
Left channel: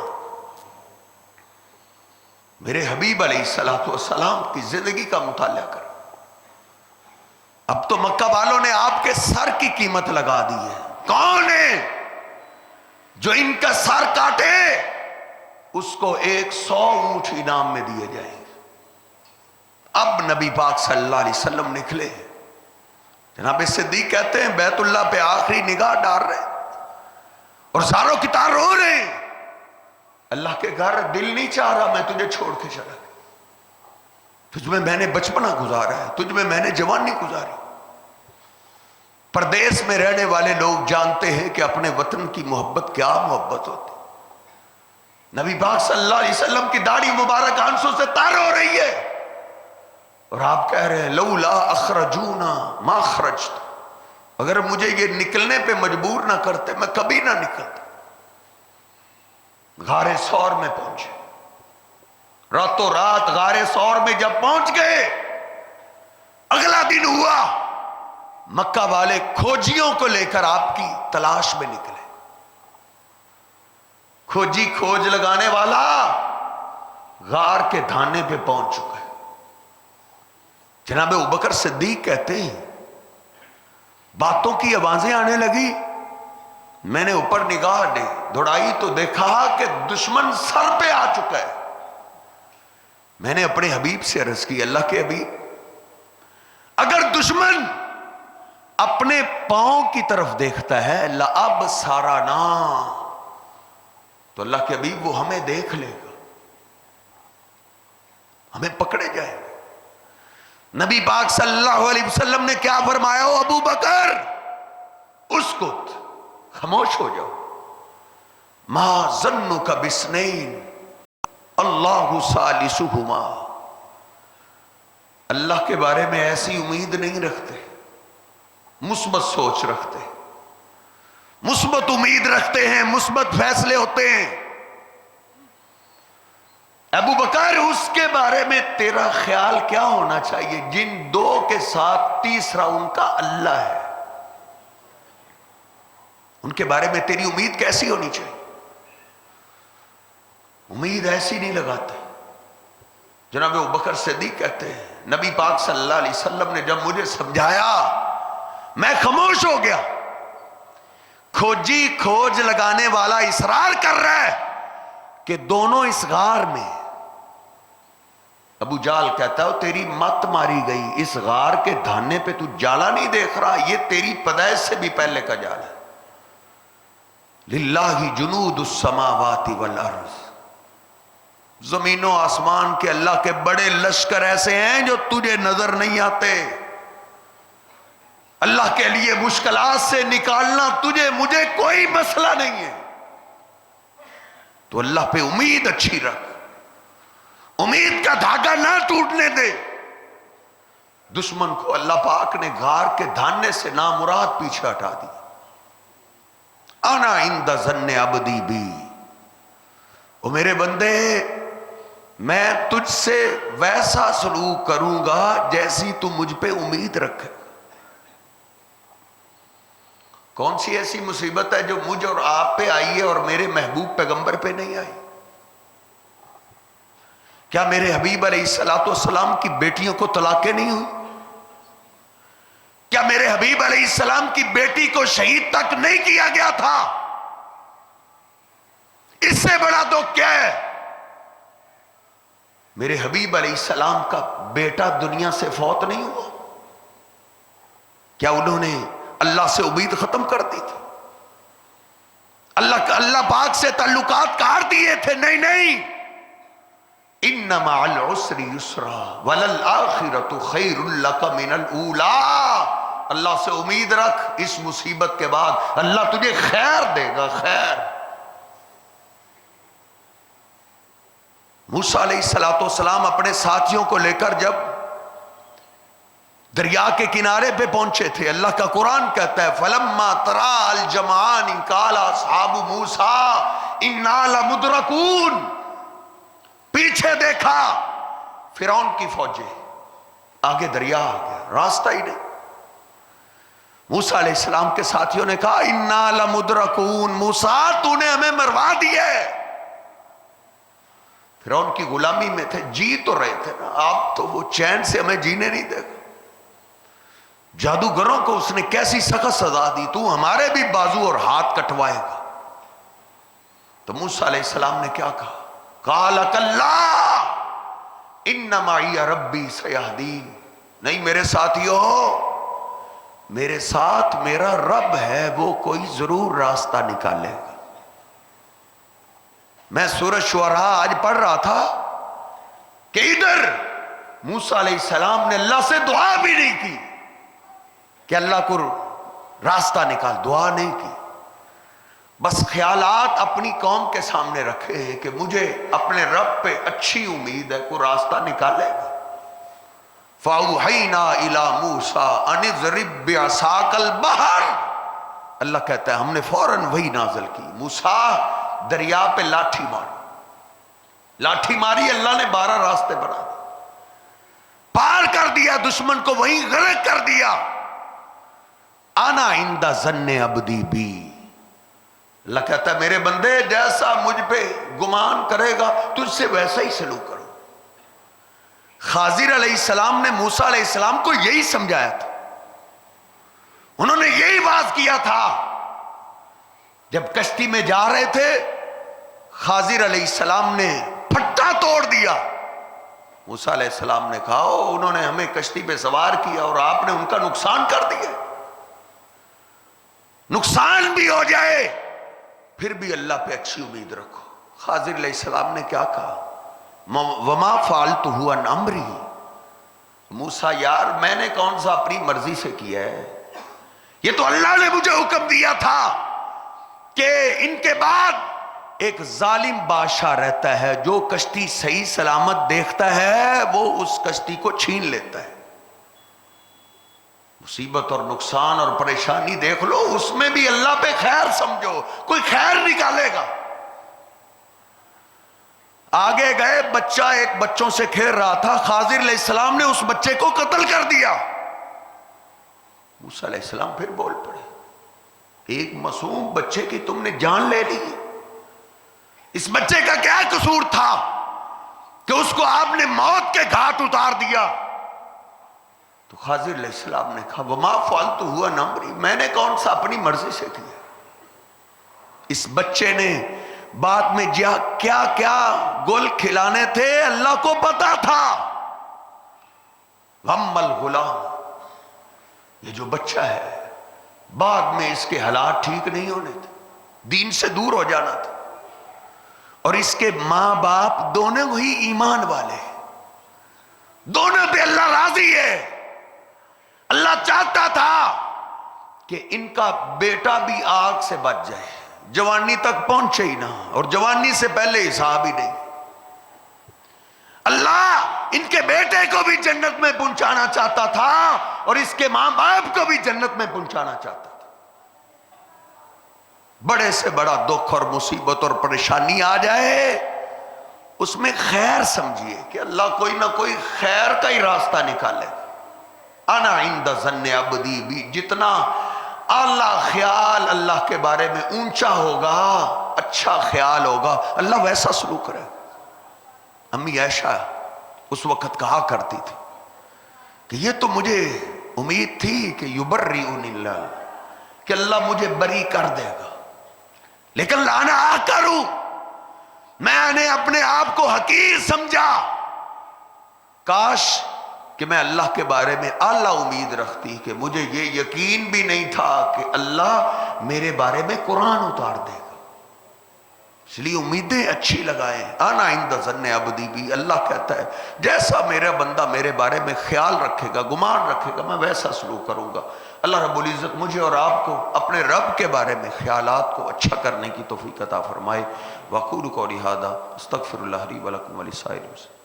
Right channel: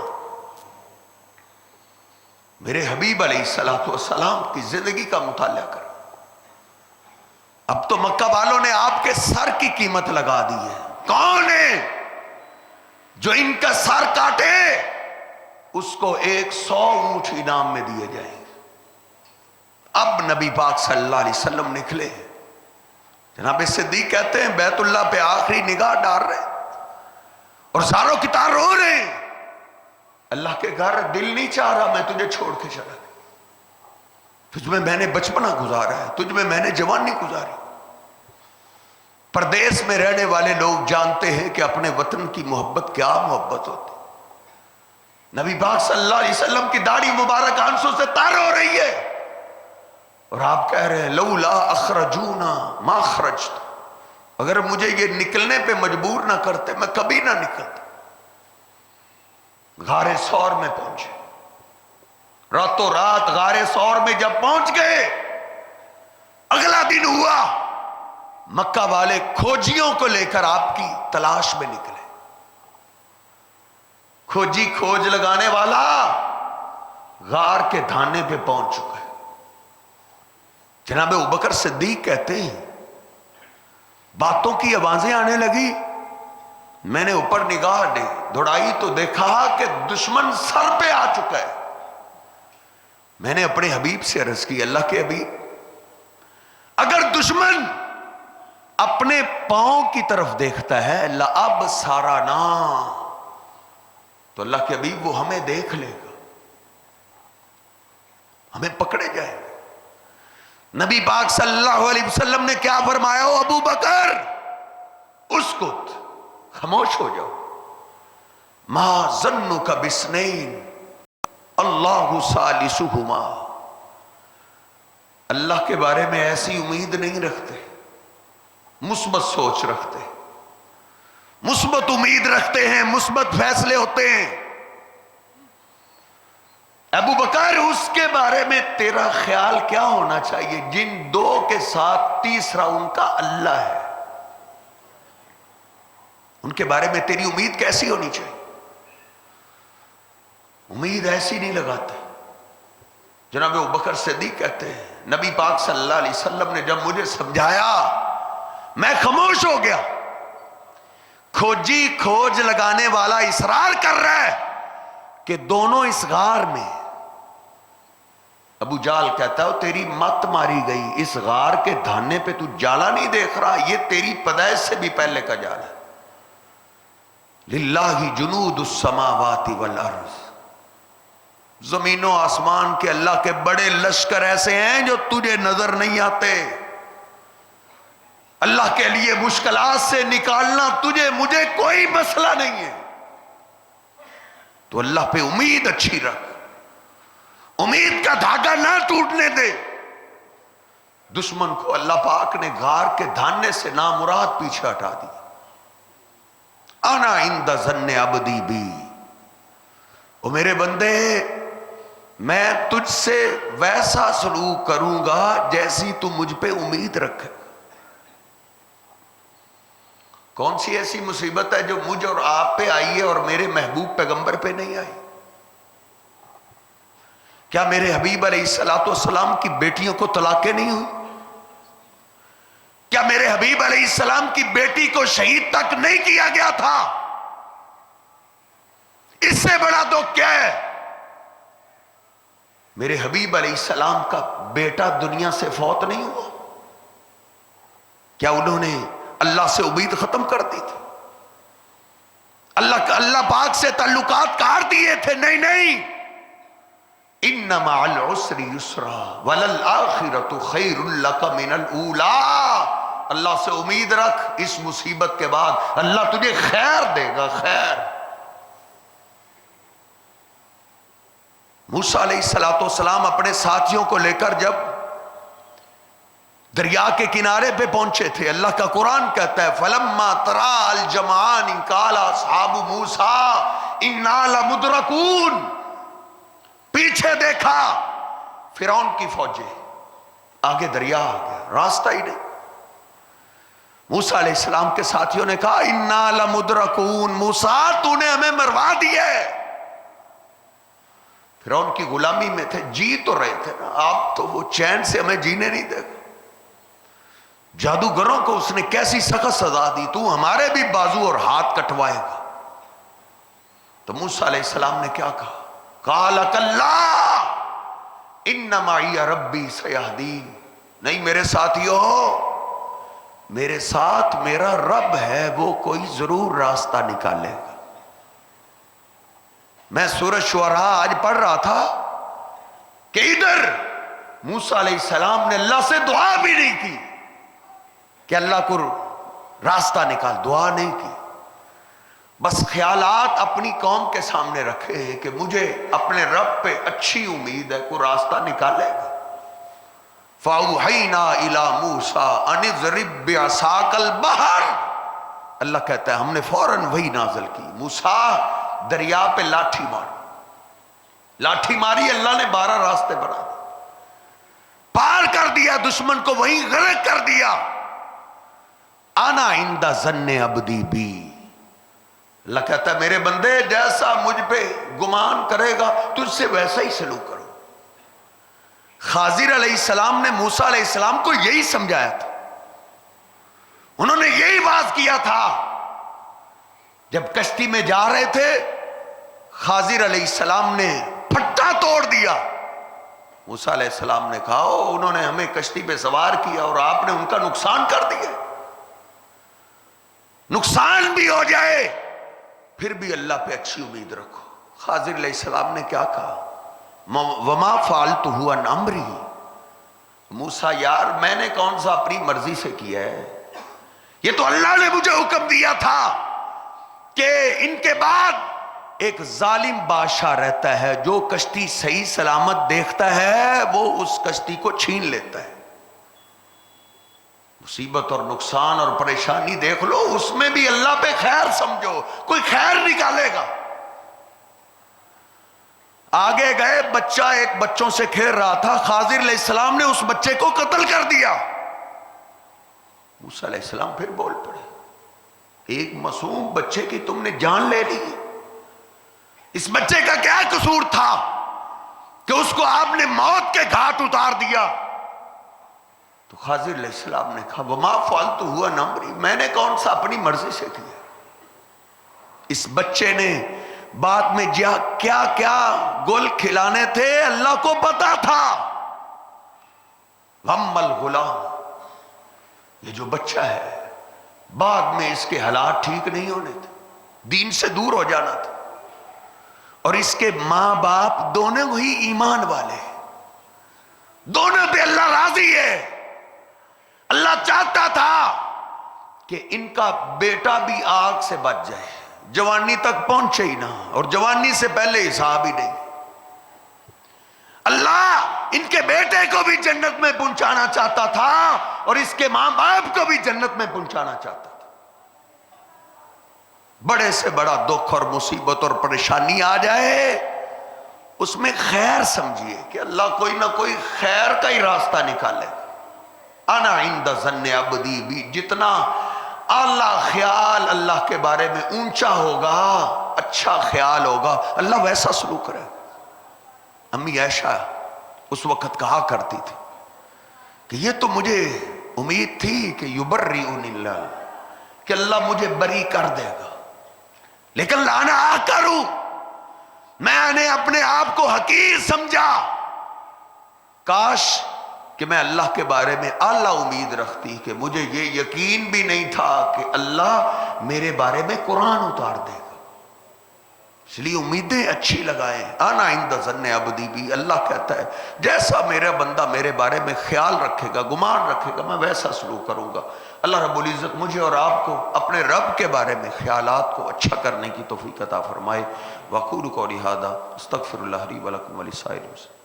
میرے حبیب علیہ السلام کی زندگی کا مطالعہ کر، اب تو مکہ والوں نے آپ کے سر کی قیمت لگا دی ہے۔ کون ہے جو ان کا سر کاٹے اس کو 100 اونٹ انعام میں دیے جائیں گے۔ اب نبی پاک صلی اللہ علیہ وسلم نکلے، جناب صدیق کہتے ہیں بیت اللہ پہ آخری نگاہ ڈال رہے اور زاروں کی تار رو رہے ہیں، اللہ کے گھر دل نہیں چاہ رہا میں تجھے چھوڑ کے چلا گیا، تجھ میں نے بچپنا گزارا ہے، تجھ میں نے جوانی گزاری۔ پردیس میں رہنے والے لوگ جانتے ہیں کہ اپنے وطن کی محبت کیا محبت ہوتی۔ نبی پاک صلی اللہ علیہ وسلم کی داڑھی مبارک آنسوں سے تار ہو رہی ہے اور آپ کہہ رہے ہیں لولا اخرجونا ما خرجت، اگر مجھے یہ نکلنے پہ مجبور نہ کرتے میں کبھی نہ نکلتا۔ غار ثور میں پہنچے، راتوں رات غار ثور میں جب پہنچ گئے، اگلا دن ہوا، مکہ والے کھوجیوں کو لے کر آپ کی تلاش میں نکلے۔ کھوجی کھوج لگانے والا غار کے دھانے پہ پہنچ چکا ہے۔ جناب ابوبکر صدیق کہتے ہیں باتوں کی آوازیں آنے لگی، میں نے اوپر نگاہ دوڑائی تو دیکھا کہ دشمن سر پہ آ چکا ہے۔ میں نے اپنے حبیب سے عرض کی اللہ کے حبیب اگر دشمن اپنے پاؤں کی طرف دیکھتا ہے لَأَبْصَرَنَا، تو اللہ کے حبیب وہ ہمیں دیکھ لے گا، ہمیں پکڑے جائے گا۔ نبی پاک صلی اللہ علیہ وسلم نے کیا فرمایا؟ او ابو بکر اسکت، خاموش ہو جاؤ، ما ظنک بسنین اللہ ثالثہما، اللہ کے بارے میں ایسی امید نہیں رکھتے، مثبت سوچ رکھتے، مثبت امید رکھتے ہیں، مثبت فیصلے ہوتے ہیں۔ ابو بکر اس کے بارے میں تیرا خیال کیا ہونا چاہیے جن دو کے ساتھ تیسرا ان کا اللہ ہے؟ ان کے بارے میں تیری امید کیسی ہونی چاہیے؟ امید ایسی نہیں لگاتے. جناب ابوبکر صدیق کہتے ہیں نبی پاک صلی اللہ علیہ وسلم نے جب مجھے سمجھایا میں خاموش ہو گیا. کھوجی کھوج لگانے والا اصرار کر رہا ہے کہ دونوں اس غار میں. ابو جال کہتا ہے تیری مت ماری گئی, اس غار کے دھانے پہ تو جالا نہیں دیکھ رہا, یہ تیری پیدائش سے بھی پہلے کا جال ہے. للہ جنود السماوات والارض, زمین و آسمان کے اللہ کے بڑے لشکر ایسے ہیں جو تجھے نظر نہیں آتے. اللہ کے لیے مشکلات سے نکالنا تجھے مجھے کوئی مسئلہ نہیں ہے. تو اللہ پہ امید اچھی رکھ, امید کا دھاگا نہ ٹوٹنے دے. دشمن کو اللہ پاک نے غار کے دھانے سے نامراد پیچھے ہٹا دی. انا عند ظن عبدی بی, او میرے بندے میں تجھ سے ویسا سلوک کروں گا جیسی تو مجھ پہ امید رکھے. کون سی ایسی مصیبت ہے جو مجھ اور آپ پہ آئی ہے اور میرے محبوب پیغمبر پہ نہیں آئی؟ کیا میرے حبیب علیہ الصلوۃ والسلام کی بیٹیوں کو طلاقیں نہیں ہوئی؟ کیا میرے حبیب علیہ السلام کی بیٹی کو شہید تک نہیں کیا گیا تھا؟ اس سے بڑا تو کیا ہے؟ میرے حبیب علیہ السلام کا بیٹا دنیا سے فوت نہیں ہوا. کیا انہوں نے اللہ سے امید ختم کر دی تھی؟ اللہ پاک سے تعلقات کاٹ دیے تھے؟ نہیں نہیں. ان مع العسر یسرا وللآخرۃ خیر لک من الاولی. اللہ سے امید رکھ, اس مصیبت کے بعد اللہ تجھے خیر دے گا, خیر. موسیٰ علیہ السلام اپنے ساتھیوں کو لے کر جب دریا کے کنارے پہ پہنچے تھے, اللہ کا قرآن کہتا ہے فلما تراء الجمعان قال اصحاب موسیٰ انا لمدرکون. پیچھے دیکھا فرعون کی فوجیں, آگے دریا آ گیا, راستہ ہی نہیں. موسیٰ علیہ السلام کے ساتھیوں نے کہا انا لمدرکون, موسیٰ تو نے ہمیں مروا دیا ہے. فرعون کی غلامی میں تھے, جی تو رہے تھے نا, آپ تو وہ چین سے ہمیں جینے نہیں دے گا. جادوگروں کو اس نے کیسی سخت سزا دی, تو ہمارے بھی بازو اور ہاتھ کٹوائے گا. تو موسیٰ علیہ السلام نے کیا کہا؟ قال کلا ان معی ربی سیہدین. نہیں میرے ساتھیو, میرے ساتھ میرا رب ہے, وہ کوئی ضرور راستہ نکالے گا. میں سورۃ شعراء آج پڑھ رہا تھا کہ ادھر موسیٰ علیہ السلام نے اللہ سے دعا بھی نہیں کی کہ اللہ کو راستہ نکال, دعا نہیں کی. بس خیالات اپنی قوم کے سامنے رکھے ہیں کہ مجھے اپنے رب پہ اچھی امید ہے, کوئی راستہ نکالے گا. فَأَوْحَيْنَا إِلَى مُوسَىٰ أَنِ اضْرِب بِعَصَاكَ الْبَحْرَ. اللہ کہتا ہے ہم نے فوراً وہی نازل کی, موسیٰ دریا پہ لاٹھی ماری. لاٹھی ماری, اللہ نے 12 راستے بنا دیے, پار کر دیا, دشمن کو وہیں غرق کر دیا. انا عند ظن عبدی بی. اللہ کہتا ہے میرے بندے جیسا مجھ پہ گمان کرے گا تجھ سے ویسا ہی سلوک کرو. خضر علیہ السلام نے موسیٰ علیہ السلام کو یہی سمجھایا تھا, انہوں نے یہی واز کیا تھا. جب کشتی میں جا رہے تھے خضر علیہ السلام نے پھٹا توڑ دیا. موسیٰ علیہ السلام نے کہا انہوں نے ہمیں کشتی پہ سوار کیا اور آپ نے ان کا نقصان کر دیا. نقصان بھی ہو جائے پھر بھی اللہ پہ اچھی امید رکھو. خضر علیہ السلام نے کیا کہا؟ وما فعلتہ عن امری. موسیٰ یار میں نے کون سا اپنی مرضی سے کیا ہے, یہ تو اللہ نے مجھے حکم دیا تھا کہ ان کے بعد ایک ظالم بادشاہ رہتا ہے, جو کشتی صحیح سلامت دیکھتا ہے وہ اس کشتی کو چھین لیتا ہے. مصیبت اور نقصان اور پریشانی دیکھ لو, اس میں بھی اللہ پہ خیر سمجھو, کوئی خیر نکالے گا. آگے گئے, بچہ ایک بچوں سے کھیل رہا تھا, خضر علیہ السلام نے اس بچے کو قتل کر دیا. موسیٰ علیہ السلام پھر بول پڑے ایک معصوم بچے کی تم نے جان لے لی. اس بچے کا کیا قصور تھا کہ اس کو آپ نے موت کے گھاٹ اتار دیا؟ تو خضر علیہ السلام نے کہا وما فعلت ہوا امری، میں نے کون سا اپنی مرضی سے کیا. اس بچے نے بعد میں کیا کیا گل کھلانے تھے اللہ کو پتا تھا. وَأَمَّا الْغُلَامُ، یہ جو بچہ ہے بعد میں اس کے حالات ٹھیک نہیں ہونے تھے، دین سے دور ہو جانا تھا، اور اس کے ماں باپ دونوں ہی ایمان والے، دونوں پہ اللہ راضی ہے. اللہ چاہتا تھا کہ ان کا بیٹا بھی آگ سے بچ جائے، جوانی تک پہنچے ہی نہ، اور جوانی سے پہلے حساب ہی نہیں. اللہ ان کے بیٹے کو بھی جنت میں پہنچانا چاہتا تھا اور اس کے ماں باپ کو بھی جنت میں پہنچانا چاہتا تھا. بڑے سے بڑا دکھ اور مصیبت اور پریشانی آ جائے اس میں خیر سمجھیے کہ اللہ کوئی نہ کوئی خیر کا ہی راستہ نکالے. انا عند ظن عبدی بی، جتنا اعلیٰ خیال اللہ کے بارے میں اونچا ہوگا، اچھا خیال ہوگا، اللہ ویسا سلوک کرے. امی عائشہ اس وقت کہا کرتی تھی کہ یہ تو مجھے امید تھی کہ یبرئنی اللہ، کہ اللہ مجھے بری کر دے گا، لیکن لانا آ کروں میں نے اپنے آپ کو حقیر سمجھا. کاش کہ میں اللہ کے بارے میں اعلیٰ امید رکھتی کہ مجھے یہ یقین بھی نہیں تھا کہ اللہ میرے بارے میں قرآن اتار دے گا. اس لیے امیدیں اچھی لگائیں. انا عند ظن عبدی بی، اللہ کہتا ہے جیسا میرا بندہ میرے بارے میں خیال رکھے گا، گمان رکھے گا، میں ویسا سلوک کروں گا. اللہ رب العزت مجھے اور آپ کو اپنے رب کے بارے میں خیالات کو اچھا کرنے کی توفیق عطا فرمائے. وقول قولی ھذا استغفر اللہ لی ولکم ولسائر المسلمین.